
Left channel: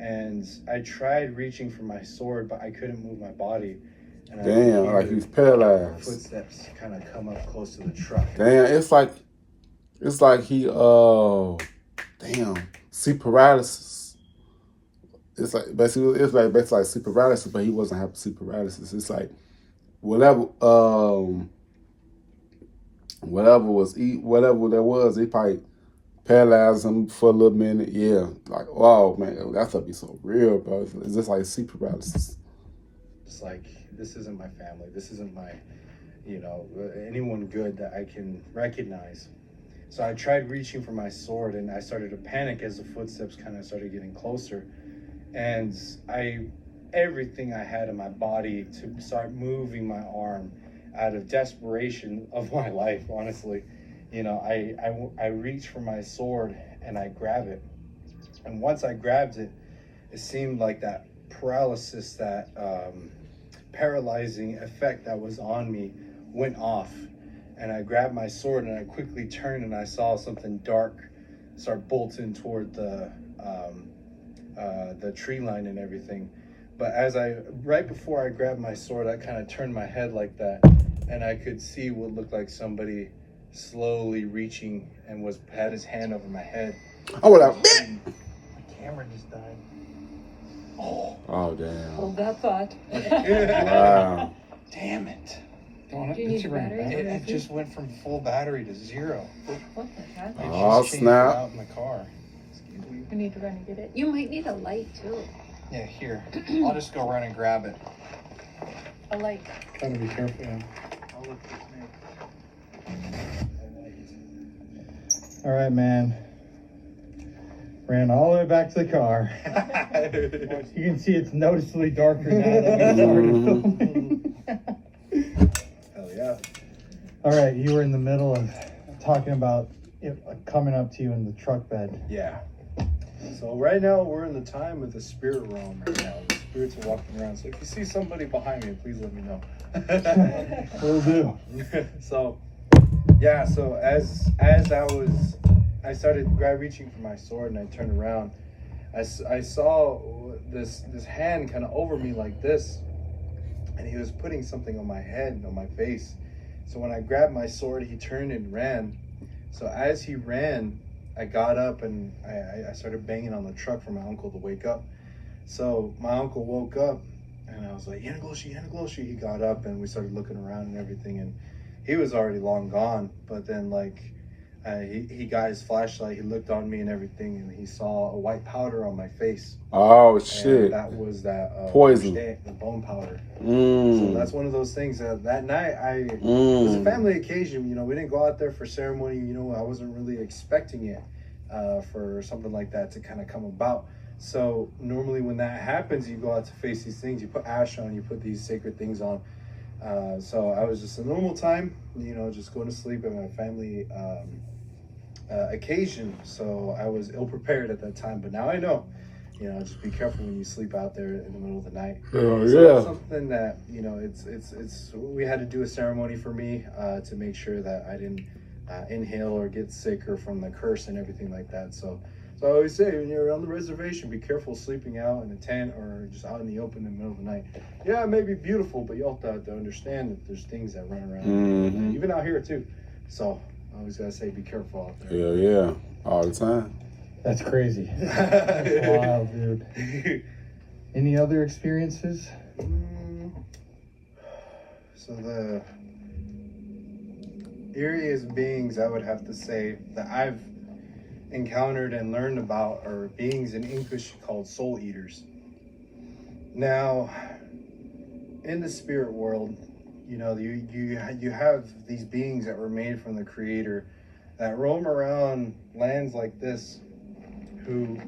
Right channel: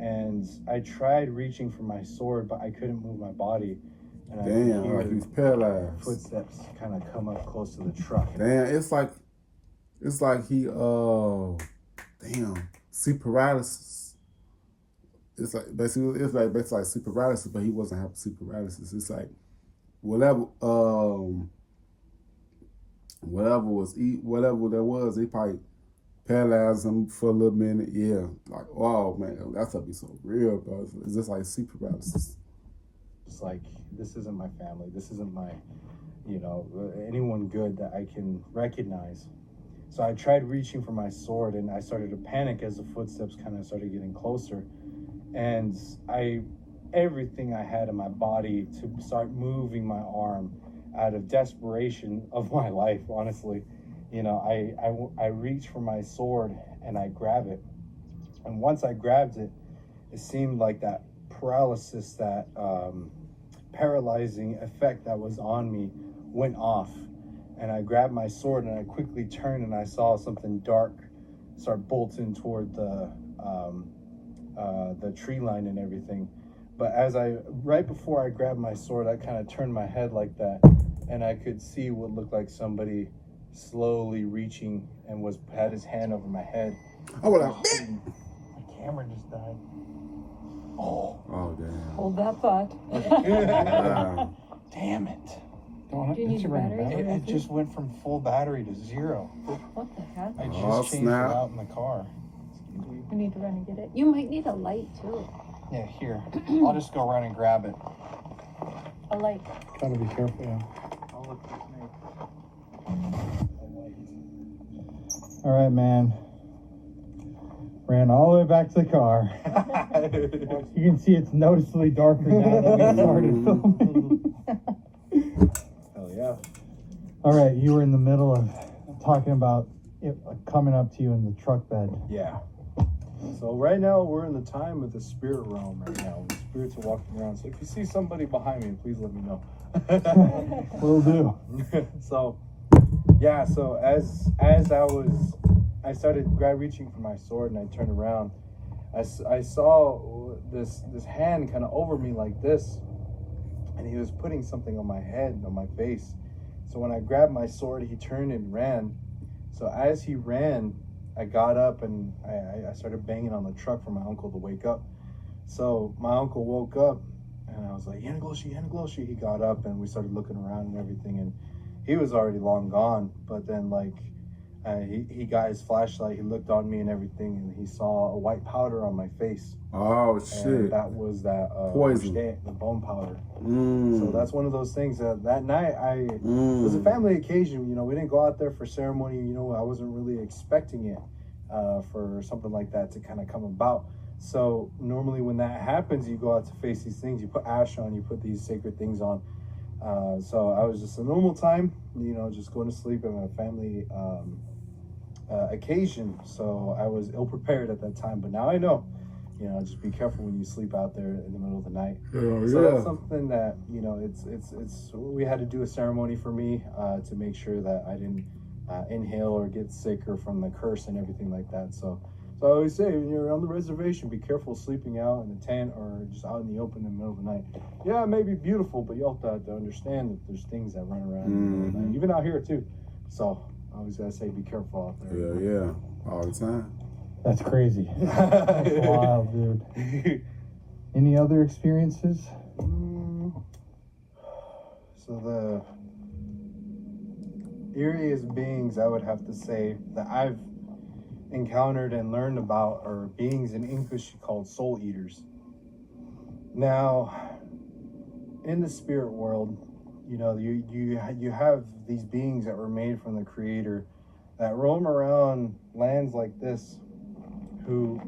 And I tried reaching for my sword, but I couldn't move my body. And Damn, like he's paralyzed. Footsteps kind of come up close to the truck. Damn, it's like he damn, sleep paralysis. It's like basically sleep paralysis, but he wasn't having sleep paralysis. It's like whatever there was, he probably paralyzed him for a little minute. Yeah, like wow, man, that stuff be so real, bro. It's just like sleep paralysis. It's like, this isn't my family. This isn't my, you know, anyone good that I can recognize. So I tried reaching for my sword, and I started to panic as the footsteps kind of started getting closer. And everything I had in my body to start moving my arm out of desperation of my life, honestly. You know, I reached for my sword and I grab it. And once I grabbed it, it seemed like that paralysis, that paralyzing effect that was on me went off. And I grabbed my sword and I quickly turned and I saw something dark start bolting toward the tree line and everything. But right before I grabbed my sword, I kind of turned my head like that, and I could see what looked like somebody slowly reaching and had his hand over my head. I was like, My camera just died. oh damn. Hold that thought. Wow. Damn it. Do you need a battery? It just went from full battery to 0. What the heck? I Oh, just changed snap. it out in the car. Excuse me. I need to run and get it. You might need a light too. Yeah, here. I'll just go run and grab it. A light. Gotta be careful. Yeah. I'll look this All right, man. Ran all the way back to the car. You can see it's noticeably darker now that we started filming. Hell yeah. All right, you were in the middle of talking about it coming up to you in the truck bed. Yeah. So right now we're in the time of the spirit realm right now. The spirits are walking around. So if you see somebody behind me, please let me know. Will do. So yeah, so as I started reaching for my sword and I turned around, I saw this hand kind of over me like this, and he was putting something on my head, on my face. So when I grabbed my sword, he turned and ran. So as he ran, I got up and I started banging on the truck for my uncle to wake up. So my uncle woke up and I was like, Yanagloshi. He got up and we started looking around and everything, and he was already long gone. But then like he got his flashlight, he looked on me and everything, and he saw a white powder on my face. Oh And shit. that was that Poison. the bone powder. Mm. So that's one of those things that night it was a family occasion. You know, we didn't go out there for ceremony. You know, I wasn't really expecting it for something like that to kind of come about. So normally when that happens, you go out to face these things. You put ash on, you put these sacred things on. So I was just a normal time, you know, just going to sleep at my family occasion. So I was ill prepared at that time, but now I know. You know, just be careful when you sleep out there in the middle of the night. Oh, So yeah. that's something that, you know, it's we had to do a ceremony for me to make sure that I didn't inhale or get sick or from the curse and everything like that. So I always say, when you're on the reservation, be careful sleeping out in a tent or just out in the open in the middle of the night. Yeah, it may be beautiful, but you also have to understand that there's things that run around in the middle of the night, even out here too. So I always gotta say, be careful out there. Yeah, all the time. That's crazy. That's wild, dude. Any other experiences? So the eeriest beings I would have to say that I've encountered and learned about are beings in English called soul eaters. Now, in the spirit world, you know, you have these beings that were made from the Creator that roam around lands like this, who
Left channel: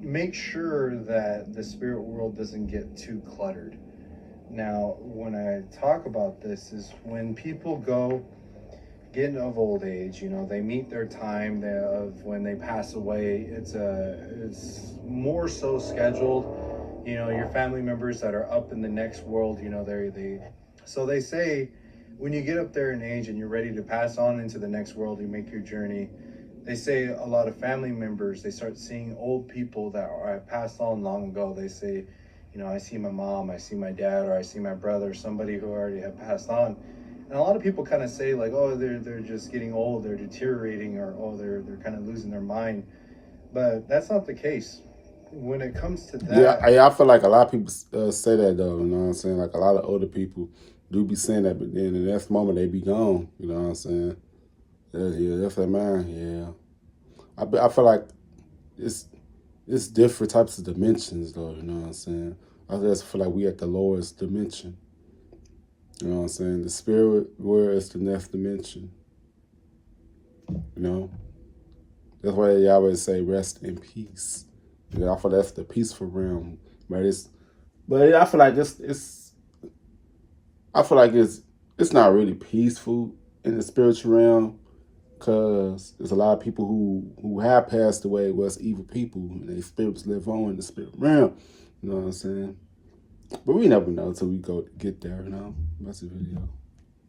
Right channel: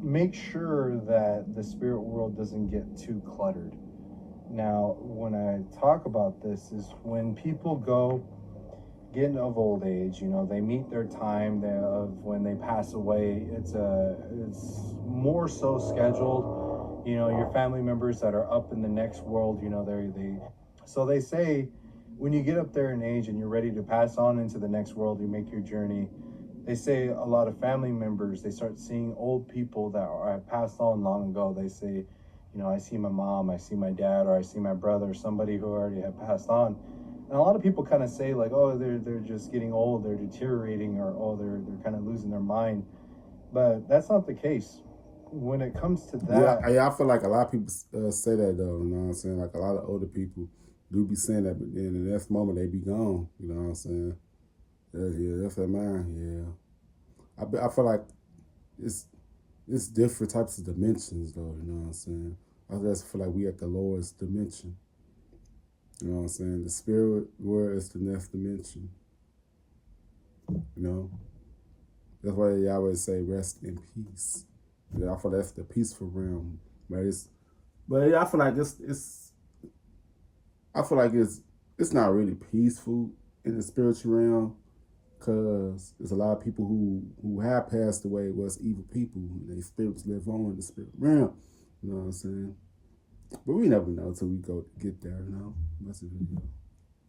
make sure that the spirit world doesn't get too cluttered. Now, when I talk about this is when people go getting of old age, you know, they meet their time of when they pass away. It's more so scheduled. You know, your family members that are up in the next world, you know, so they say when you get up there in age and you're ready to pass on into the next world, you make your journey. They say a lot of family members, they start seeing old people that have passed on long ago. They say, you know, I see my mom, I see my dad, or I see my brother, somebody who already had passed on. And a lot of people kind of say like, oh, they're just getting old, they're deteriorating, or oh, they're kind of losing their mind. But that's not the case. When it comes to that, Yeah, I feel like a lot of people say that though. You know what I'm saying? Like a lot of older people do be saying that, but then in the next moment they be gone. You know what I'm saying? Yeah, that's like, man. Yeah, I feel like it's different types of dimensions though. You know what I'm saying? I just feel like we at the lowest dimension. You know what I'm saying? The spirit world is the next dimension. You know? That's why they always say rest in peace. You know, I feel that's the peaceful realm. But I feel like it's not really peaceful in the spiritual realm, because there's a lot of people who have passed away was evil people, and their spirits live on in the spirit realm. You know what I'm saying? But we never know until we get there, you know? That's the video.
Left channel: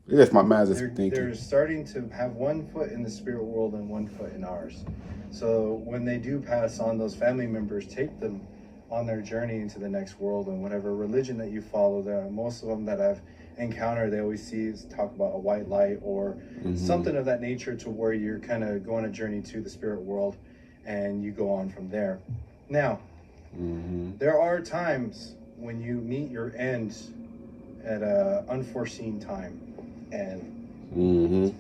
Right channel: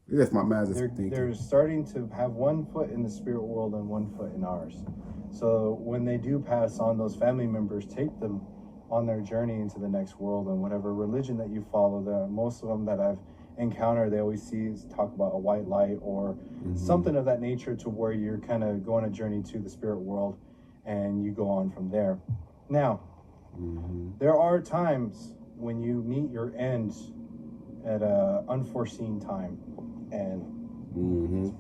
That's my mind just thinking. They're starting to have one foot in the spirit world and one foot in ours. So when they do pass on, those family members take them on their journey into the next world, and whatever religion that you follow, most of them that I've encounter, they always talk about a white light or something of that nature, to where you're kind of going a journey to the spirit world, and you go on from there. Now, there are times when you meet your end at a unforeseen time, and you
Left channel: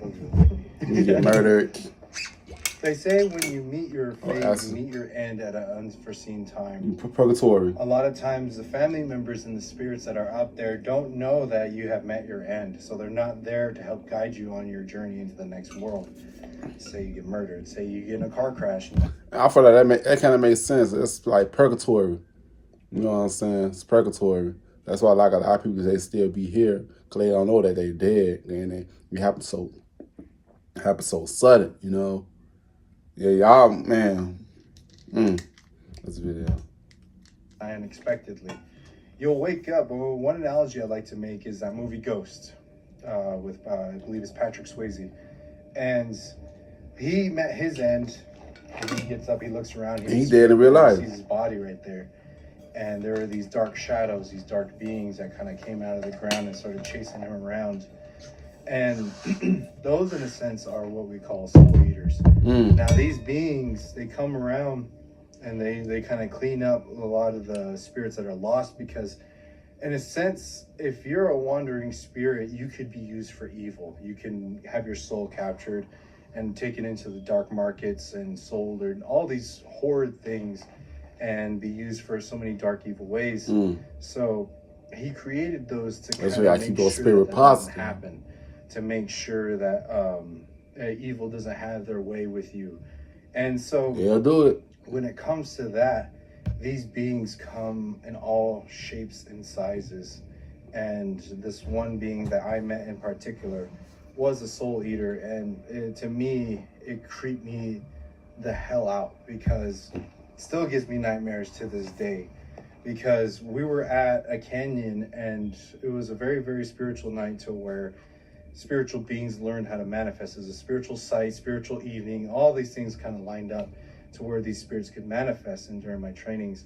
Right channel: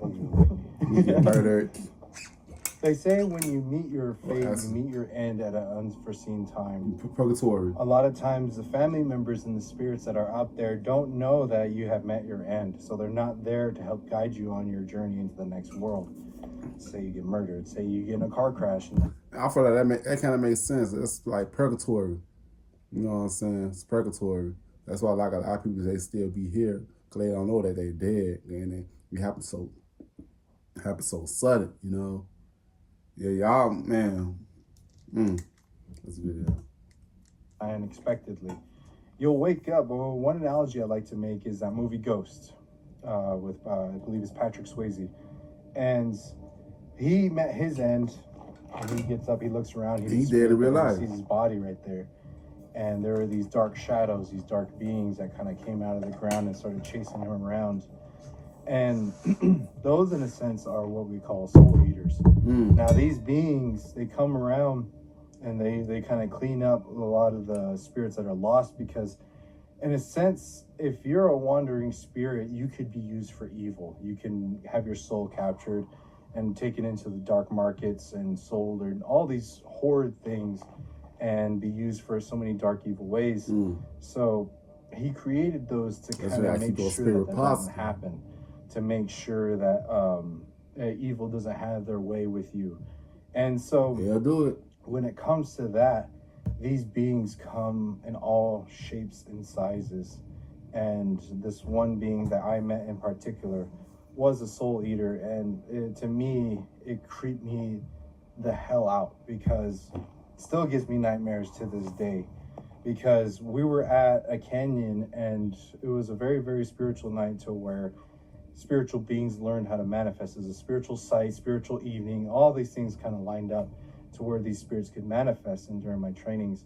get murdered. They say when you meet your fate, you meet your end at an unforeseen time. Purgatory. A lot of times the family members and the spirits that are out there don't know that you have met your end. So they're not there to help guide you on your journey into the next world. Say you get murdered. Say you get in a car crash. I feel like that kind of makes sense. It's like purgatory. You know what I'm saying? It's purgatory. That's why like a lot of people, they still be here, because they don't know that they dead. And it happens so sudden, you know? Yeah, y'all, man. That's a video. Unexpectedly. You'll wake up. Well, one analogy I like to make is that movie Ghost, with I believe it's Patrick Swayze. And he met his end, and he gets up, he looks around, He's dead in real life. He sees his body right there. And there are these dark shadows, these dark beings that kind of came out of the ground and started chasing him around. And those, in a sense, are what we call soul eaters. Now, these beings, they come around and they kind of clean up a lot of the spirits that are lost, because, in a sense, if you're a wandering spirit, you could be used for evil. You can have your soul captured and taken into the dark markets and sold, or all these horrid things, and be used for so many dark, evil ways. So he created those to kind of make sure that doesn't happen. To make sure that evil doesn't have their way with you. And so they'll do it. When it comes to that, these beings come in all shapes and sizes. And this one being that I met in particular was a soul eater. And to me, it creeped me the hell out, because it still gives me nightmares to this day. Because we were at a canyon, and it was a very, very spiritual night, to where spiritual beings learned how to manifest. As a spiritual sight, spiritual evening, all these things kind of lined up to where these spirits could manifest in during my trainings.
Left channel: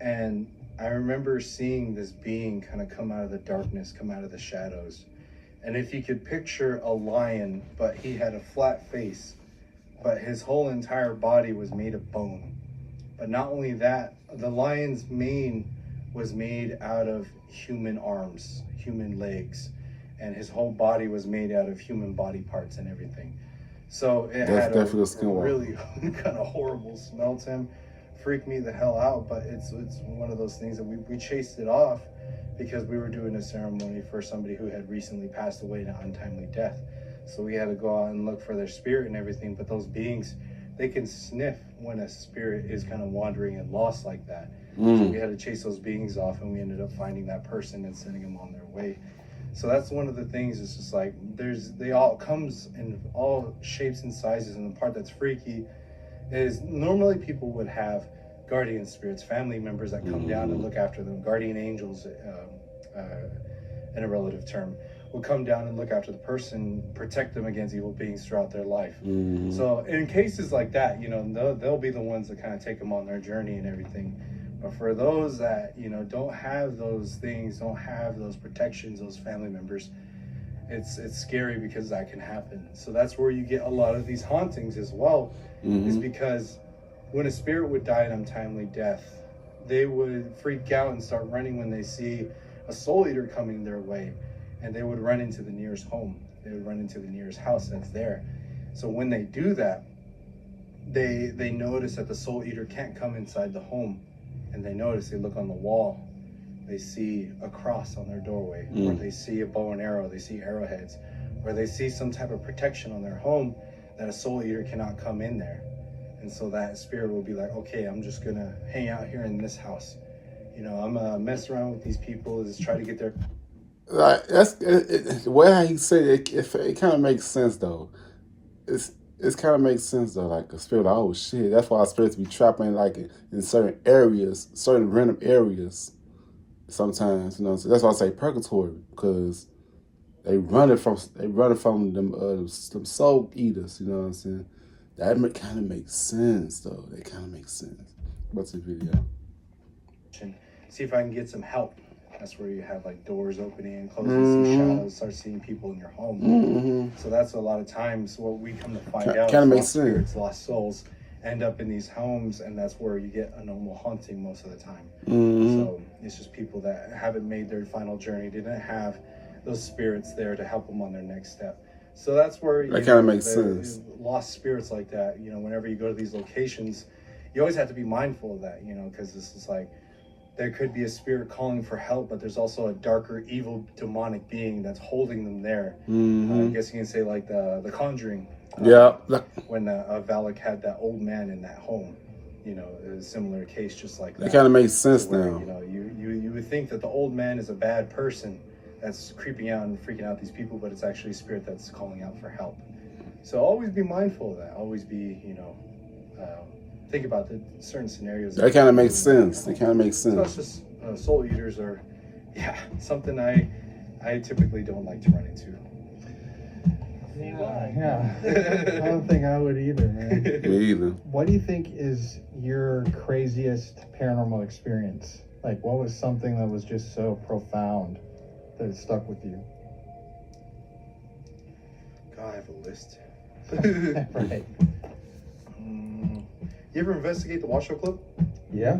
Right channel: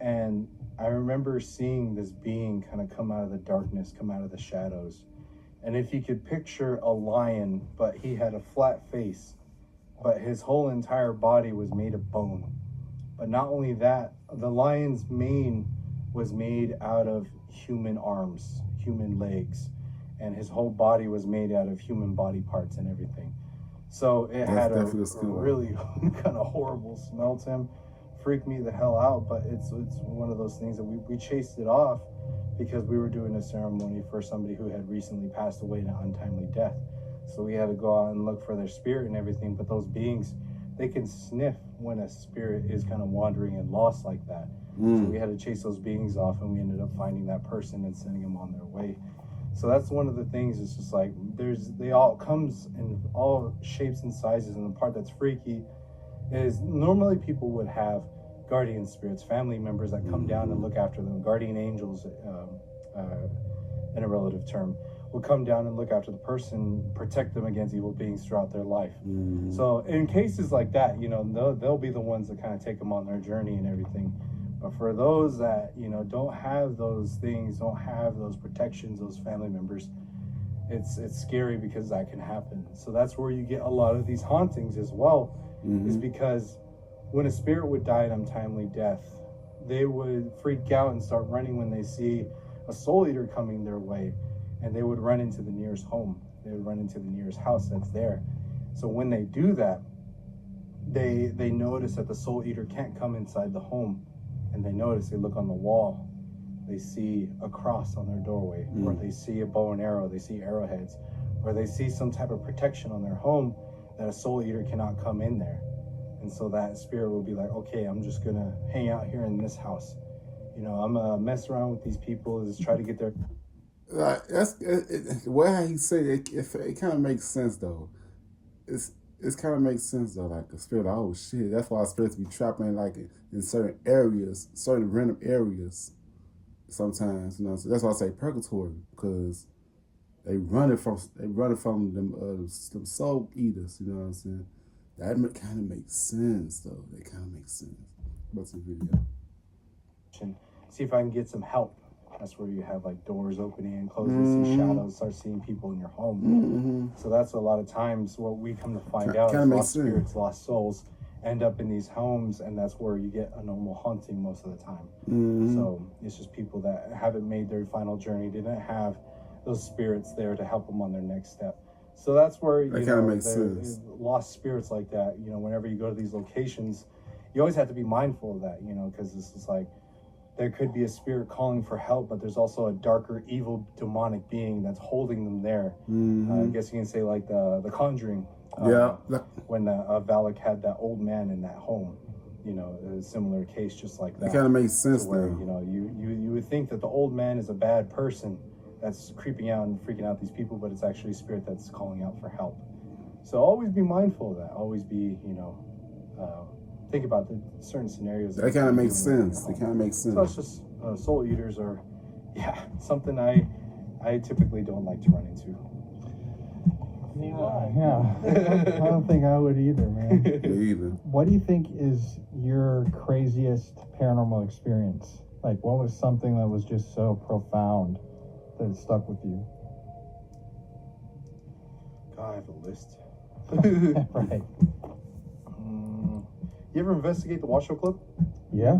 And I remember seeing this being kind of come out of the darkness, come out of the shadows. And if you could picture a lion, but he had a flat face, but his whole entire body was made of bone. But not only that, the lion's mane was made out of human arms, human legs, and his whole body was made out of human body parts and everything. So it had a really kind of horrible smell to him. Freaked me the hell out, but it's one of those things that we chased it off, because we were doing a ceremony for somebody who had recently passed away in an untimely death. So we had to go out and look for their spirit and everything. But those beings, they can sniff when a spirit is kind of wandering and lost like that. So we had to chase those beings off, and we ended up finding that person and sending them on their way. So that's one of the things. It's just like they all comes in all shapes and sizes. And the part that's freaky is normally people would have guardian spirits, family members that come down and look after them. Guardian angels, in a relative term, will come down and look after the person, protect them against evil beings throughout their life. So in cases like that, you know, they'll be the ones that kind of take them on their journey and everything. But for those that, you know, don't have those things, don't have those protections, those family members, it's scary, because that can happen. So that's where you get a lot of these hauntings as well, is because when a spirit would die an untimely death, they would freak out and start running when they see a soul eater coming their way, and they would run into the nearest home. They would run into the nearest house that's there. So when they do that, they notice that the soul eater can't come inside the home. And they look on the wall, they see a cross on their doorway, or they see a bow and arrow, they see arrowheads, or they see some type of protection on their home that a soul eater cannot come in there. And so that spirit will be like, okay, I'm just gonna hang out here in this house. You know, I'm gonna mess around with these people, is try to get their... Like, that's the way how he said it. It kind of makes sense though. It kind of makes sense though. Like a spirit, oh shit. That's why spirits be trapping like in certain areas, certain random areas. Sometimes, you know. So that's why I say purgatory, because they running from them soul eaters. You know what I'm saying? That kind of makes sense though. It kind of makes sense. What's the video? See if I can get some help That's where you have like doors opening and closing, see shadows, start seeing people in your home. So that's a lot of times what we come to find out is lost spirits, lost souls end up in these homes, and that's where you get a normal haunting most of the time. So it's just people that haven't made their final journey, didn't have those spirits there to help them on their next step. So that's where that kind of makes sense. Lost spirits like that, you know, whenever you go to these locations, you always have to be mindful of that, you know, because this is like, there could be a spirit calling for help, but there's also a darker, evil, demonic being that's holding them there. I guess you can say like the Conjuring. When Valak had that old man in that home, you know, a similar case just like that. It kind of makes sense where, now. You know, you would think that the old man is a bad person that's creeping out and freaking out these people, but it's actually a spirit that's calling out for help. So always be mindful of that. Always be, you know, think about the certain scenarios. That kind of makes sense. That kind of makes sense. So it's just soul eaters are, something I typically don't like to run into. Yeah, I don't think I would either, man. Me either. What do you think is your craziest paranormal experience? Like, what was something that was just so profound that it stuck with you? God, I have a list. Right. You ever investigate the Washoe Club? Yeah,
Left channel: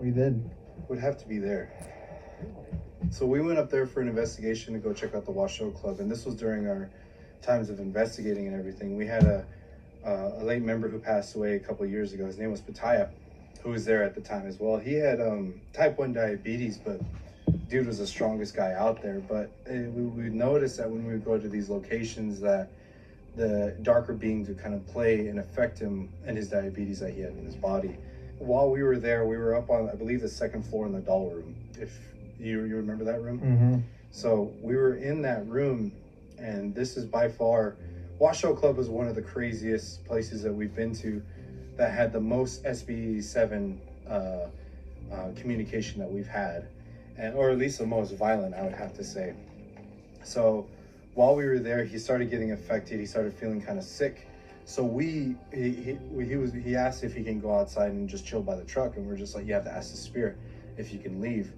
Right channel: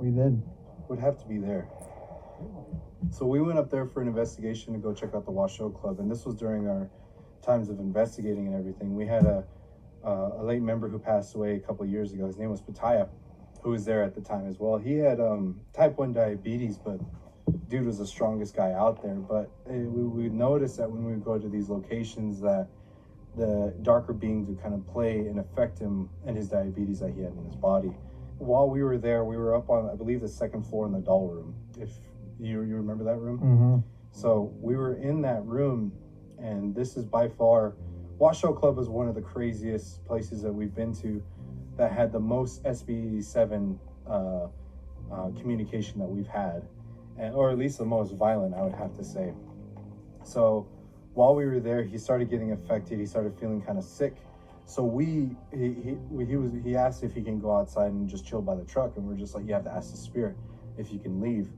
we did. Would have to be there. So we went up there for an investigation to go check out the Washoe Club, and this was during our times of investigating and everything. We had a late member who passed away a couple of years ago. His name was Pataya, who was there at the time as well. He had type 1 diabetes, but dude was the strongest guy out there. But we noticed that when we would go to these locations that the darker beings would kind of play and affect him and his diabetes that he had in his body. While we were there, we were up on, I believe, the second floor in the doll room, if you remember that room. So we were in that room, and this is by far, Washoe Club was one of the craziest places that we've been to that had the most SB7 communication that we've had, or at least the most violent, I would have to say. So while we were there, he started getting affected. He started feeling kind of sick. So he asked if he can go outside and just chill by the truck, and we're just like, you have to ask the spirit if you can leave.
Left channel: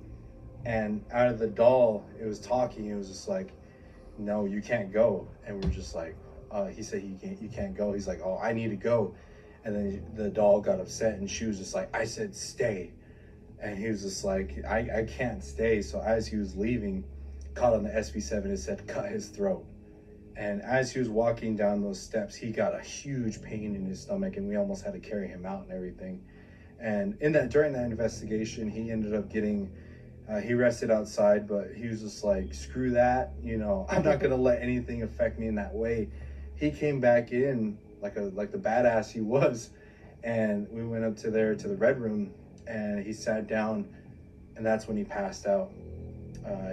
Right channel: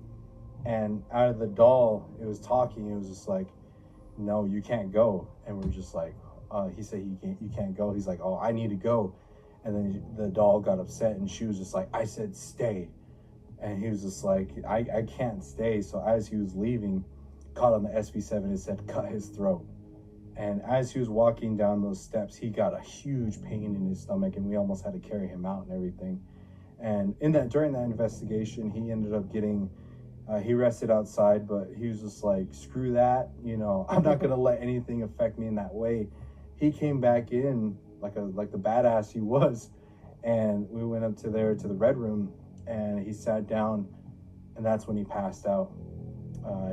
And out of the doll, it was talking. It was just like, no, you can't go. And we're just like, he said you can't go. He's like, oh, I need to go. And then the doll got upset, and she was just like, I said stay. And he was just like, I can't stay. So as he was leaving, caught on the SB7, it said cut his throat. And as he was walking down those steps, he got a huge pain in his stomach, and we almost had to carry him out and everything. And during that investigation, he ended up getting, he rested outside, but he was just like, screw that, you know, I'm not gonna let anything affect me in that way. He came back in like the badass he was, and we went up to the red room, and he sat down, and that's when he passed out.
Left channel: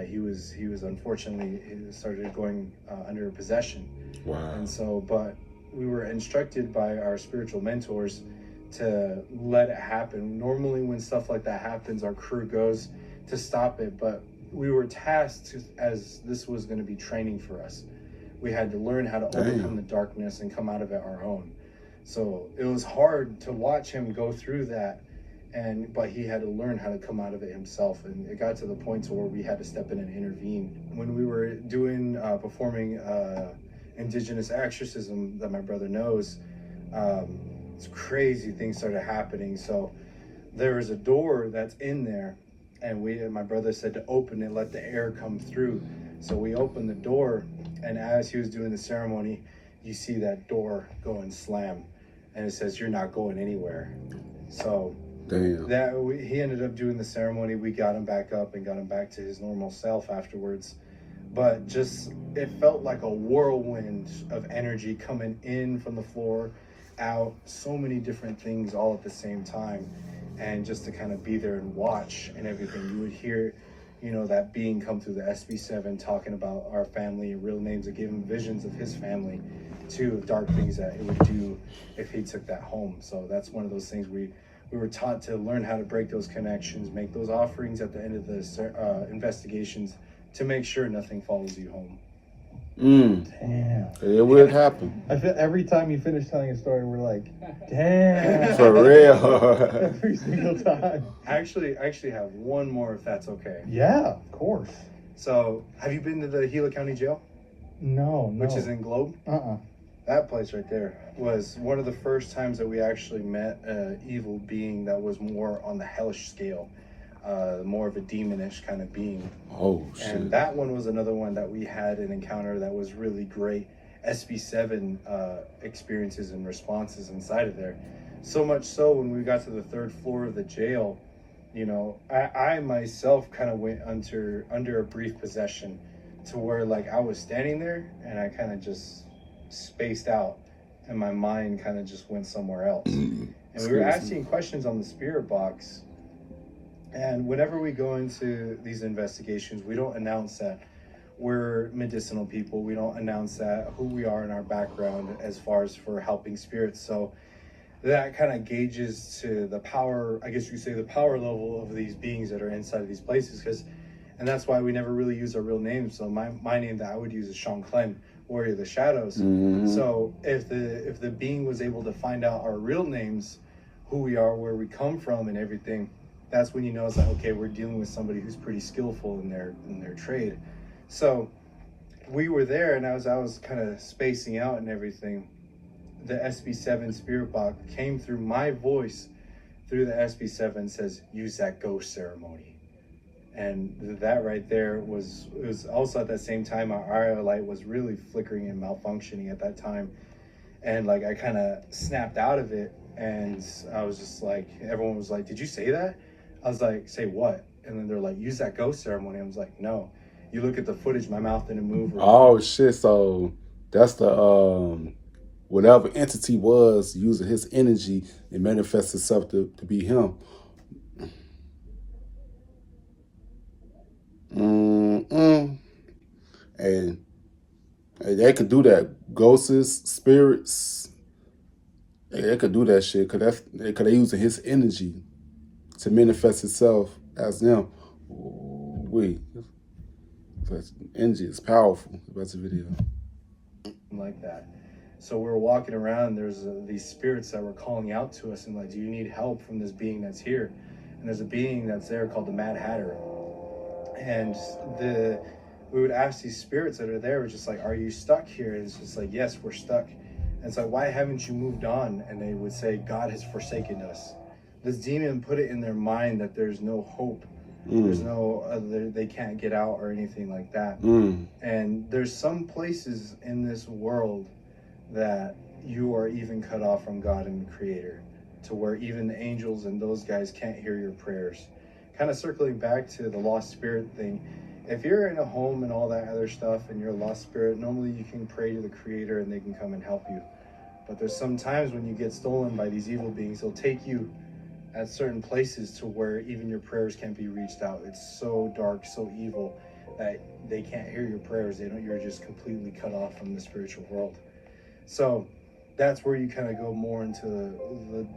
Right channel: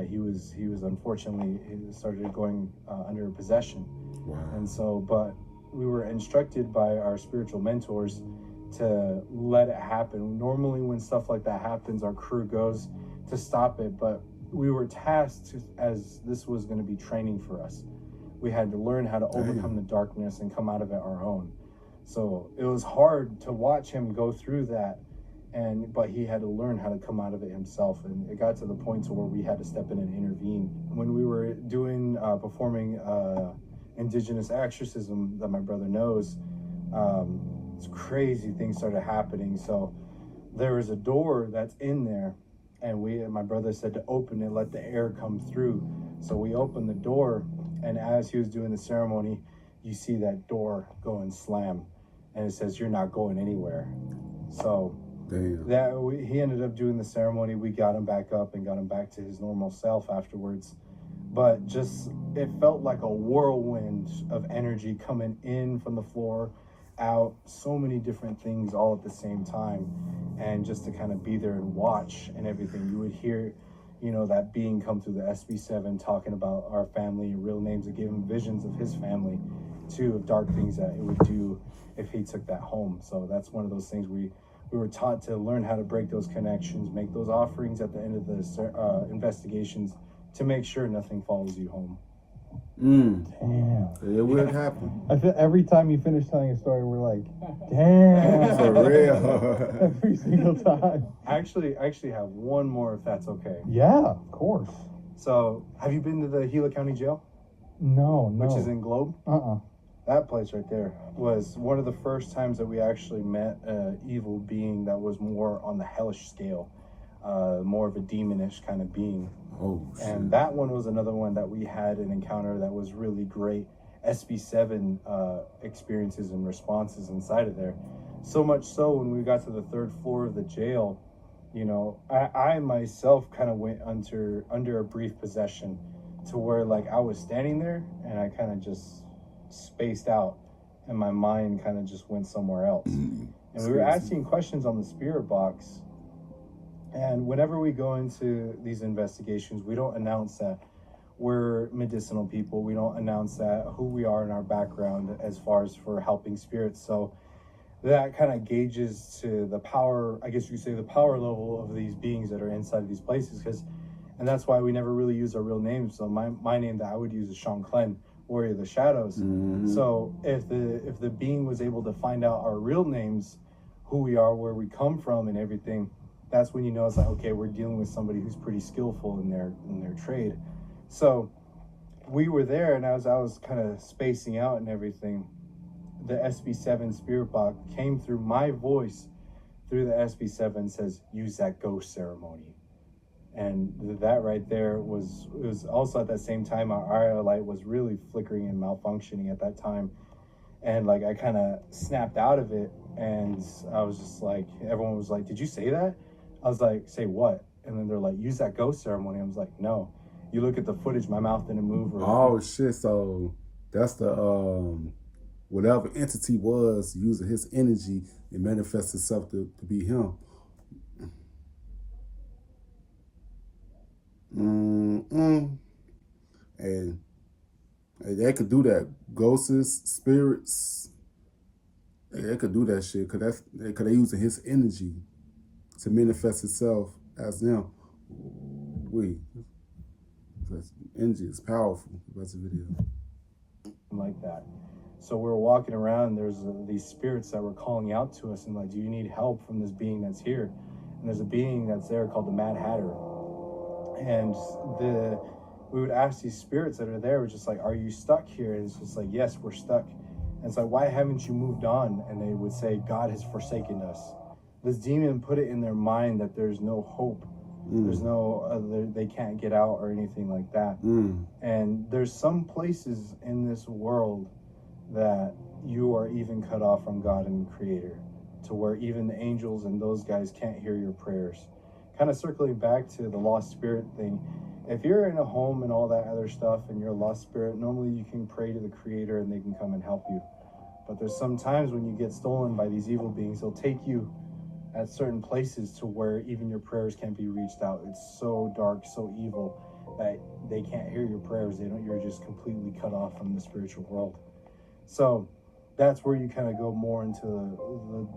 He was unfortunately, he started going under possession. Wow. And so, but we were instructed by our spiritual mentors to let it happen. Normally when stuff like that happens, our crew goes to stop it, but we were tasked, as this was going to be training for us. We had to learn how to overcome the darkness and come out of it our own. So it was hard to watch him go through that, but he had to learn how to come out of it himself. And it got to the point to where we had to step in and intervene. When we were performing indigenous exorcism that my brother knows, crazy things started happening. So there was a door that's in there, and my brother said to open it, let the air come through. So we opened the door, and as he was doing the ceremony, you see that door go and slam, and it says, you're not going anywhere. So he ended up doing the ceremony. We got him back up and got him back to his normal self afterwards. But just, it felt like a whirlwind of energy coming in from the floor, out, so many different things all at the same time. And just to kind of be there and watch and everything, you would hear, you know, that being come through the SB7 talking about our family and real names, that gave him visions of his family too, of dark things that it would do if he took that home. So that's one of those things we were taught to learn how to break those connections, make those offerings at the end of the investigations to make sure nothing follows you home. Damn. It would happen. I feel every time you finish telling a story, we're like, damn. For real. Every single time. I actually have one more, if that's okay. Yeah, of course. So, have you been to the Gila County Jail, No. which is in Globe? Uh-uh. That place right there was one of the first times that we actually met an evil being that was more on the hellish scale, more of a demonish kind of being. Oh, shit. And that one was another one that we had an encounter that was really great. SB7 experiences and responses inside of there. So much so when we got to the third floor of the jail, you know, I myself kind of went under a brief possession to where like I was standing there and I kind of just spaced out and my mind kind of just went somewhere else. And we were asking questions on the spirit box. And whenever we go into these investigations, we don't announce that we're medicinal people. We don't announce that who we are in our background as far as for helping spirits. So that kind of gauges to the power, I guess you could say, the power level of these beings that are inside of these places. And that's why we never really use our real names. So my name that I would use is Sean Clem, Warrior of the Shadows. So if the being was able to find out our real names, who we are, where we come from, and everything, that's when you know it's like, okay, we're dealing with somebody who's pretty skillful in their trade. So we were there, and as I was kind of spacing out and everything, the SB7 spirit box came through my voice through the SB7, says, use that ghost ceremony. And that right there it was also at that same time our RIO light was really flickering and malfunctioning at that time. And like I kind of snapped out of it, and I was just like, everyone was like, did you say that? I was like, say what? And then they're like, use that ghost ceremony. I was like, no. You look at the footage, my mouth didn't move. Oh shit, so that's the whatever entity was using his energy and manifests itself to be him. And they could do that. Ghosts, spirits, they could do that shit. Cause they using his energy to manifest itself as them. That energy is powerful. That's a video. Like that. So we were walking around, there's these spirits that were calling out to us and like, do you need help from this being that's here? And there's a being that's there called the Mad Hatter. And we would ask these spirits that are there, we're just like, are you stuck here? And it's just like, yes, we're stuck. And it's like, why haven't you moved on? And they would say, God has forsaken us. This demon put it in their mind that there's no hope. There's no they can't get out or anything like that. And there's some places in this world that you are even cut off from God and the Creator, to where even the angels and those guys can't hear your prayers. Kind of circling back to the lost spirit thing, if you're in a home and all that other stuff and you're a lost spirit, normally you can pray to the Creator and they can come and help you. But there's some times when you get stolen by these evil beings, they'll take you at certain places to where even your prayers can't be reached out. It's so dark, so evil that they can't hear your prayers. You're just completely cut off from the spiritual world. So that's where you kind of go more into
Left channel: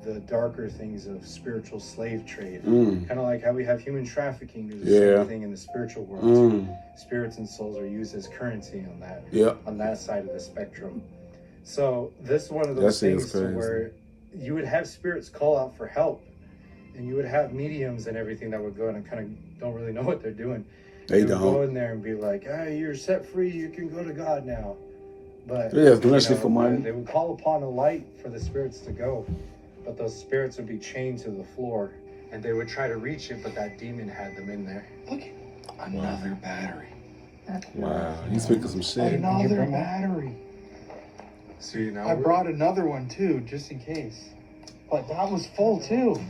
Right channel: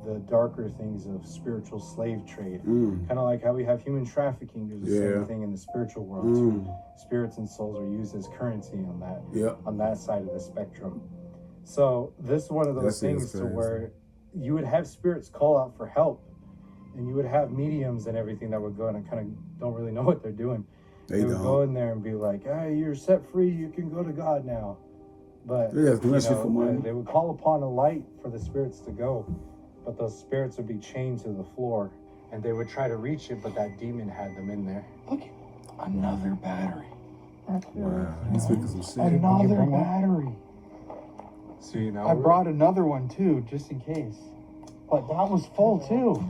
the darker things of spiritual slave trade. Kind of like how we have human trafficking. There's the same thing in the spiritual world. Too. Spirits and souls are used as currency on that side of the spectrum. So this is one of those things to where you would have spirits call out for help, and you would have mediums and everything that would go in and kind of don't really know what they're doing. They would go in there and be like, hey, you're set free, you can go to God now. But they would call upon a light for the spirits to go, but those spirits would be chained to the floor, and they would try to reach it, but that demon had them in there. Look, another battery. Wow, he's picking some shit. Another battery. See, now I brought another one too, just in case. But that was full too.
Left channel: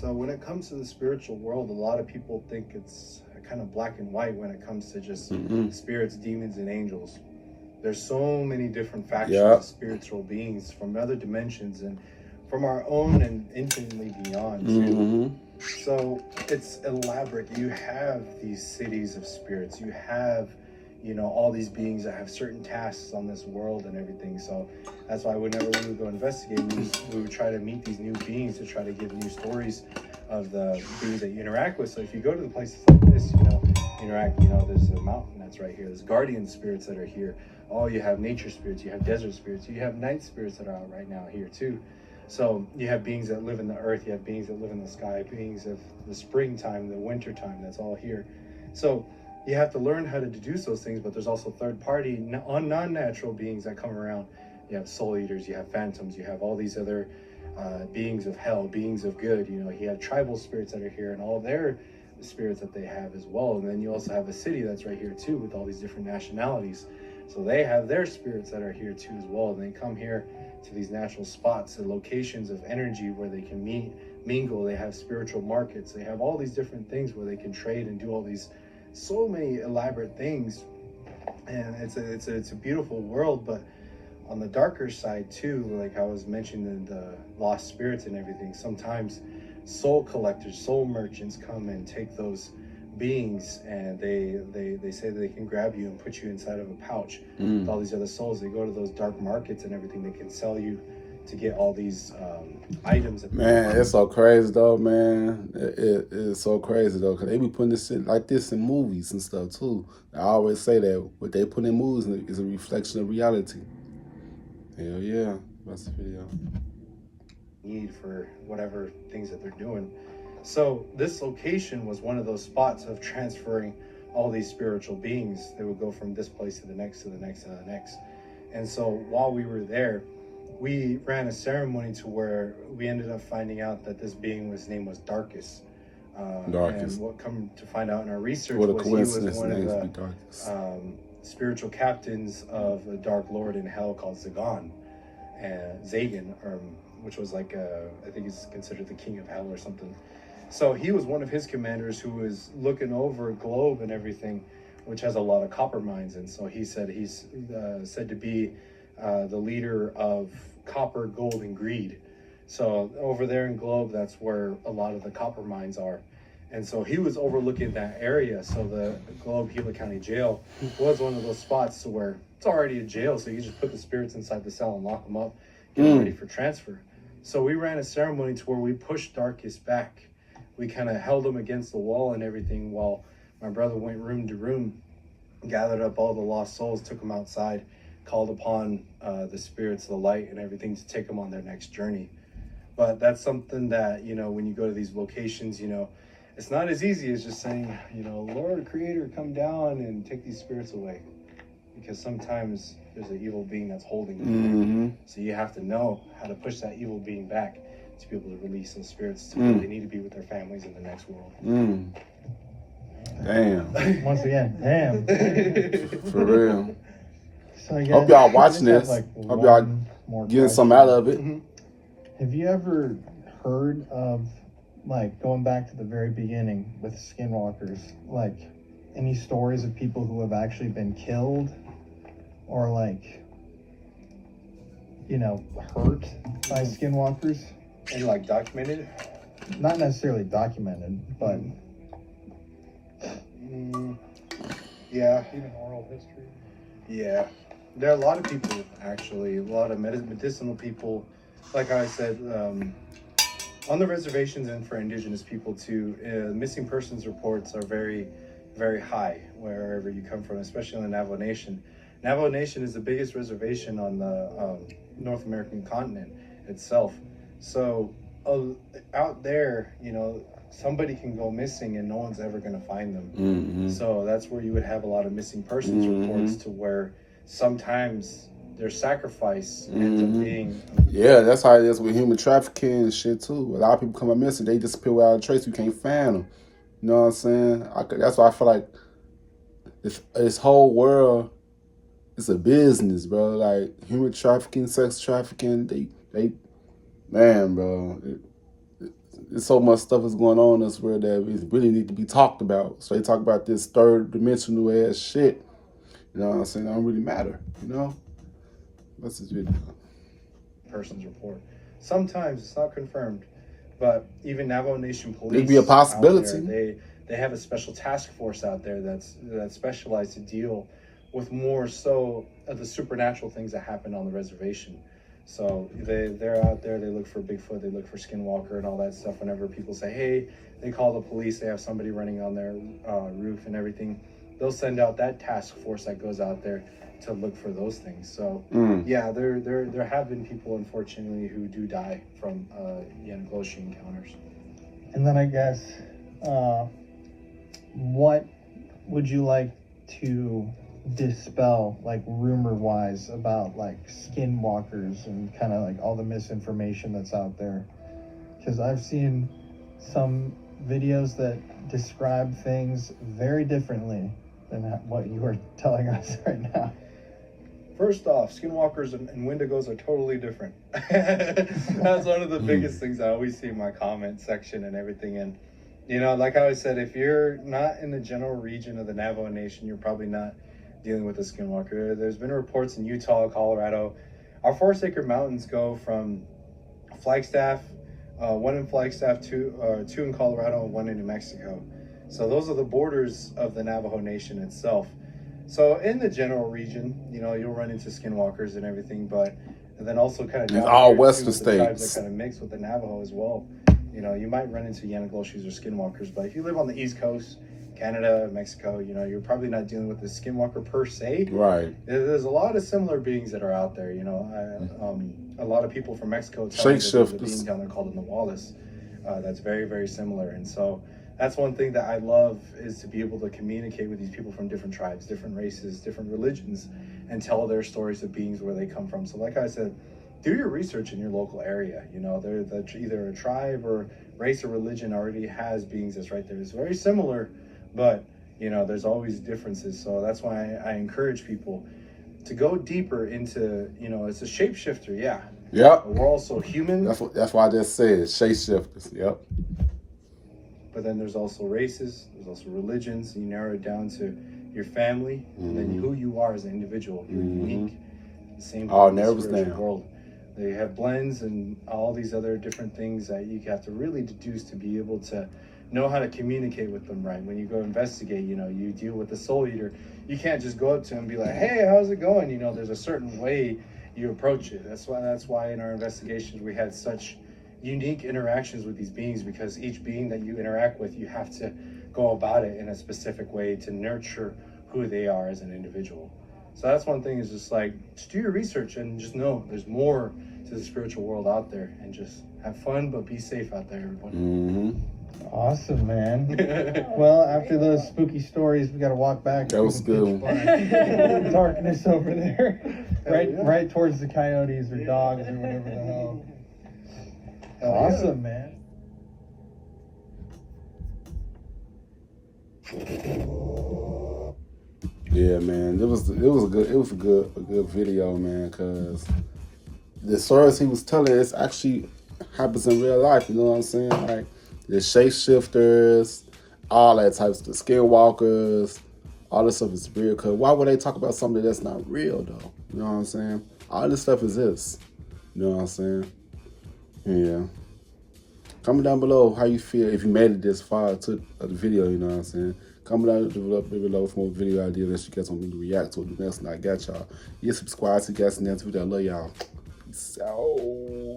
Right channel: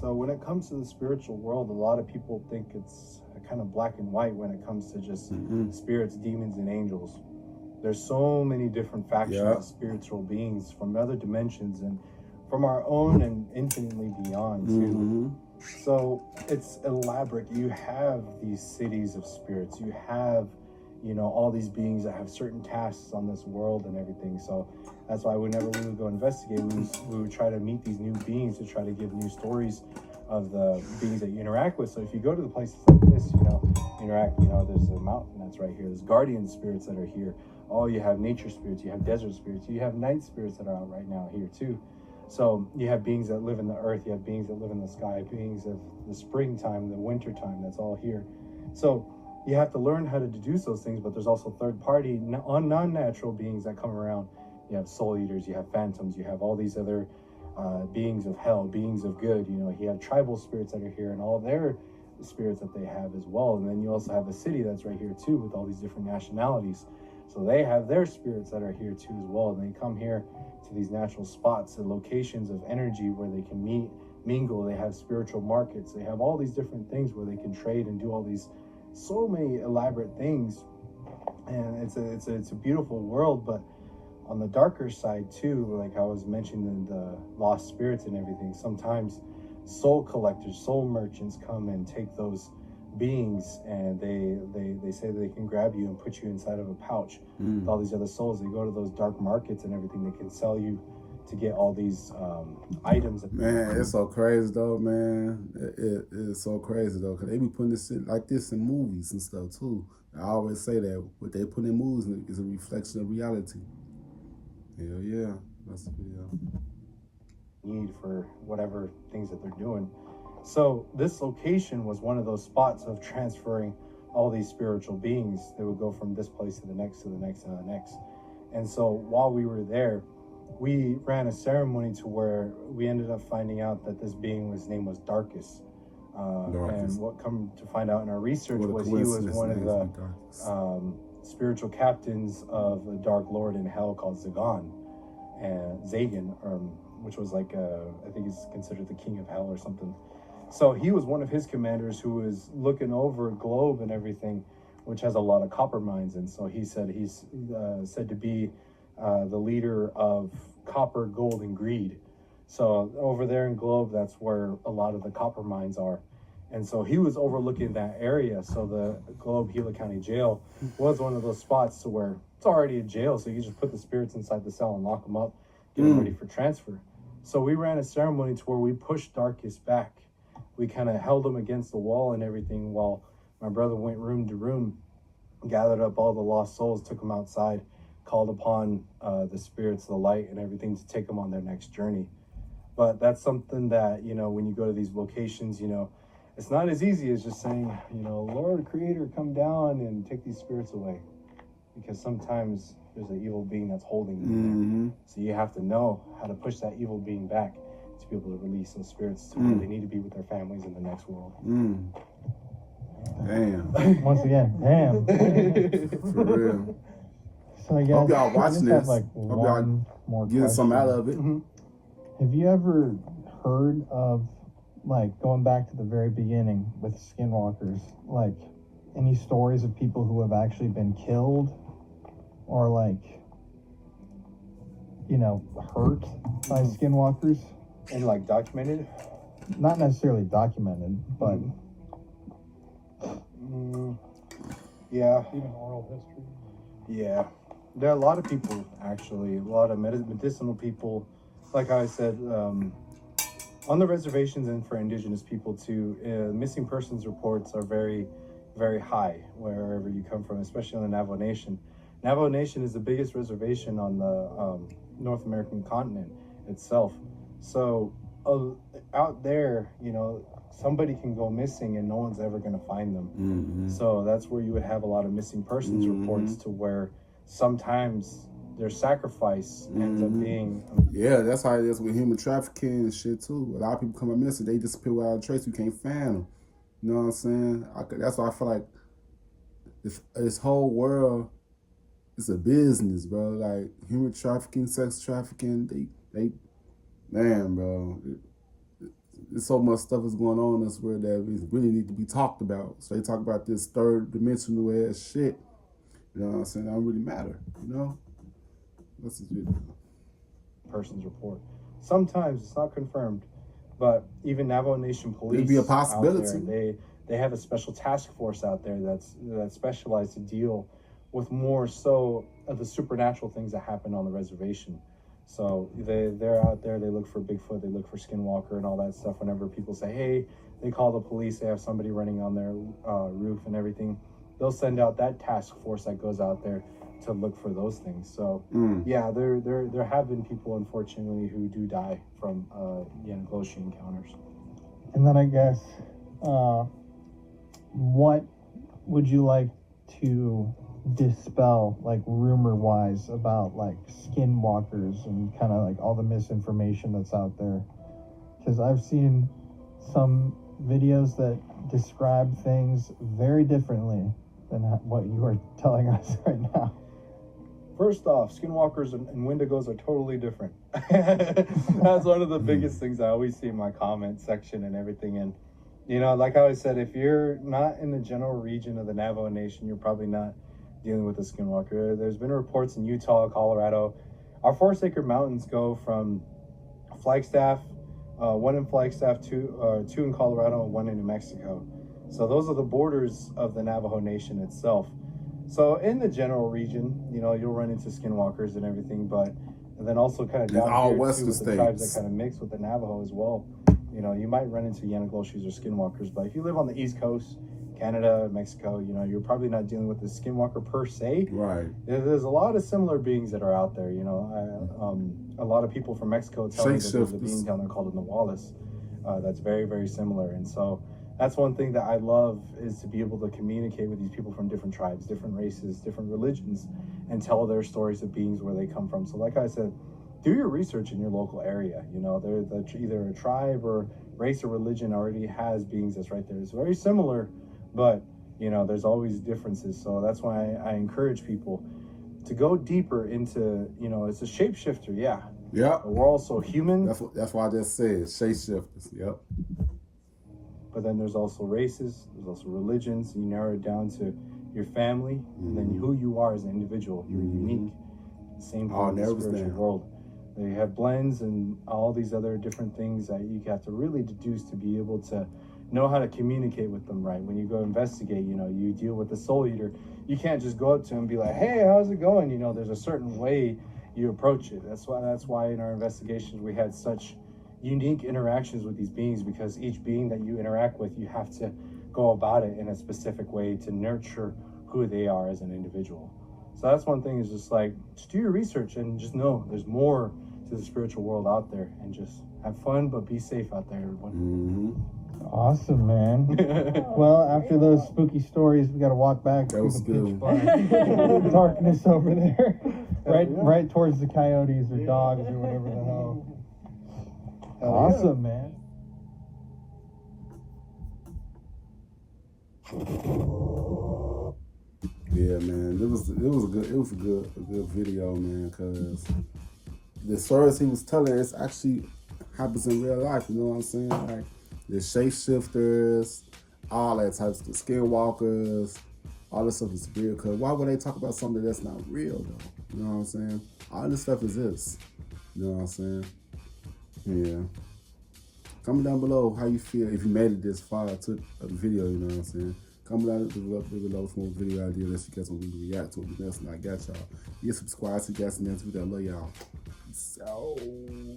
So when it comes to the spiritual world, a lot of people think it's kind of black and white when it comes to just spirits, demons, and angels. There's so many different factions of spiritual beings from other dimensions and from our own and infinitely beyond too. So it's elaborate. You have these cities of spirits. You have, all these beings that have certain tasks on this world and everything. So that's why whenever we would go investigate, we would try to meet these new beings to try to give new stories of the beings that you interact with. So if you go to the places like this, interact. You know, there's a mountain that's right here. There's guardian spirits that are here. Oh, you have nature spirits, you have desert spirits, you have night spirits that are out right now here too. So you have beings that live in the earth, you have beings that live in the sky, beings of the springtime, the winter time, that's all here. So you have to learn how to deduce those things, but there's also third-party, non-natural beings that come around. You have soul eaters, you have phantoms, you have all these other beings of hell, beings of good. You know, you have tribal spirits that are here and all their spirits that they have as well. And then you also have a city that's right here too with all these different nationalities. So they have their spirits that are here too as well. And they come here to these natural spots and locations of energy where they can meet, mingle. They have spiritual markets. They have all these different things where they can trade and do all these so many elaborate things. And it's a beautiful world. But on the darker side too, like I was mentioning, the lost spirits and everything, sometimes soul collectors, soul merchants come and take those beings, and they say that they can grab you and put you inside of a pouch with all these other souls. They go to those dark markets and everything. They can sell you to get all these items. Man, it's so crazy though, man. It's so crazy though, because they be putting this shit like this in movies and stuff too. I always say that what they put in movies is a reflection of reality. Hell yeah, that's the video. Need for whatever things that they're doing. So this location was one of those spots of transferring all these spiritual beings. They would go from this place to the next, to the next, to the next. And so while we were there, we ran a ceremony to where we ended up finding out that this being, his name was Darkus. And what come to find out in our research was he was one of the spiritual captains of a dark lord in hell called Zagan, and Zagan, which was like I think he's considered the king of hell or something. So he was one of his commanders who was looking over a globe and everything, which has a lot of copper mines. And so he said he's said to be the leader of copper, gold, and greed. So over there in Globe, that's where a lot of the copper mines are. And so he was overlooking that area. So the Globe Gila County Jail was one of those spots to where it's already a jail. So you just put the spirits inside the cell and lock them up, get them ready for transfer. So we ran a ceremony to where we pushed Darkus back. We kind of held him against the wall and everything while my brother went room to room, gathered up all the lost souls, took them outside, called upon the spirits, the light, and everything to take them on their next journey. But that's something that, you know, when you go to these locations, you know, it's not as easy as just saying, you know, Lord, Creator, come down and take these spirits away. Because sometimes there's an evil being that's holding them. So you have to know how to push that evil being back to be able to release those spirits to where they need to be with their families in the next world. Damn. Once again, damn. For real. So I guess, hope y'all watching this. Like hope y'all getting some out of it. Have you ever heard of, like, going back to the very beginning with skinwalkers, like any stories of people who have actually been killed or, like, you know, hurt by skinwalkers? And like documented? Not necessarily documented, but yeah. Even oral history. Yeah. There are a lot of people, actually, a lot of medicinal people. Like I said, on the reservations and for indigenous people too, missing persons reports are very, very high wherever you come from, especially in the Navajo Nation. Navajo Nation is the biggest reservation on the North American continent itself. So out there, you know, somebody can go missing and no one's ever going to find them. So that's where you would have a lot of missing persons reports to where sometimes their sacrifice ends up being... Yeah, that's how it is with human trafficking and shit too. A lot of people come up missing, they disappear without a trace, you can't find them. You know what I'm saying? That's why I feel like this whole world, it's a business, bro. Like human trafficking, sex trafficking, they man, bro. There's so much stuff is going on in this world that it really need to be talked about. So they talk about this third dimensional ass shit. You know what I'm saying? It don't really matter, you know? What's this video? Person's report. Sometimes it's not confirmed, but even Navajo Nation police, It'd be a possibility. There, they have a special task force out there that's specialized to deal with more so of the supernatural things that happen on the reservation. So they're out there, they look for Bigfoot, they look for Skinwalker and all that stuff. Whenever people say, hey, they call the police, they have somebody running on their roof and everything. They'll send out that task force that goes out there to look for those things. So yeah, there have been people, unfortunately, who do die from Yanagloshi encounters. And then I guess, what would you like to dispel, like rumor-wise, about like skinwalkers and kind of like all the misinformation that's out there? Because I've seen some videos that describe things very differently than what you are telling us right now. First off, skinwalkers and wendigos are totally different. That's one of the biggest things I always see in my comment section and everything. And, you know, like I always said, if you're not in the general region of the Navajo Nation, you're probably not dealing with a skinwalker. There's been reports in Utah, Colorado. Our 4 Sacred Mountains go from Flagstaff, 1 in Flagstaff, 2 in Colorado, and 1 in New Mexico. So those are the borders of the Navajo Nation itself. So in the general region, you know, you'll run into skinwalkers and everything, but and then also kind of down all here, western too, with the tribes states that kind of mix with the Navajo as well. You know, you might run into Yanagloshis or skinwalkers, but if you live on the East Coast, Canada, Mexico, you know, you're probably not dealing with the skinwalker per se. Right. There's a lot of similar beings that are out there. You know, a lot of people from Mexico tell me that there's a being down there called the Nahuales that's very, very similar, and so. That's one thing that I love, is to be able to communicate with these people from different tribes, different races, different religions, and tell their stories of beings, where they come from. So like I said, do your research in your local area. You know, either a tribe or race or religion already has beings that's right there. It's very similar, but, you know, there's always differences. So that's why I encourage people to go deeper into, you know, it's a shapeshifter, yeah. Yep. But we're also human. That's why I just said shapeshifters. Yep. But then there's also races, there's also religions. You narrow it down to your family, and then who you are as an individual. You're unique. The same thing in the spiritual world. They have blends and all these other different things that you have to really deduce to be able to know how to communicate with them right. When you go investigate, you know, you deal with the soul eater. You can't just go up to him and be like, hey, how's it going? You know, there's a certain way you approach it. That's why in our investigations we had such unique interactions with these beings, because each being that you interact with, you have to go about it in a specific way to nurture who they are as an individual. So that's one thing, is just like, just do your research and just know there's more to the spiritual world out there, and just have fun, but be safe out there, everyone. Awesome, man. Well, after those spooky stories, we got to walk back. That was good. Darkness over there, right towards the coyotes or dogs or whatever the hell. Awesome, man. Yeah, man. It was a good video, man, because the stories he was telling, it's actually happens in real life, you know what I'm saying? Like the shapeshifters, all that types of skinwalkers, all this stuff is real. Cause why would they talk about something that's not real though? You know what I'm saying? All this stuff exists. You know what I'm saying? Yeah. Comment down below how you feel if you made it this far to the video, you know what I'm saying? Comment down below for more video ideas that you guys want me to react to. The next one I got y'all. Yeah, subscribe to you guys in the next video. I love y'all. Peace out.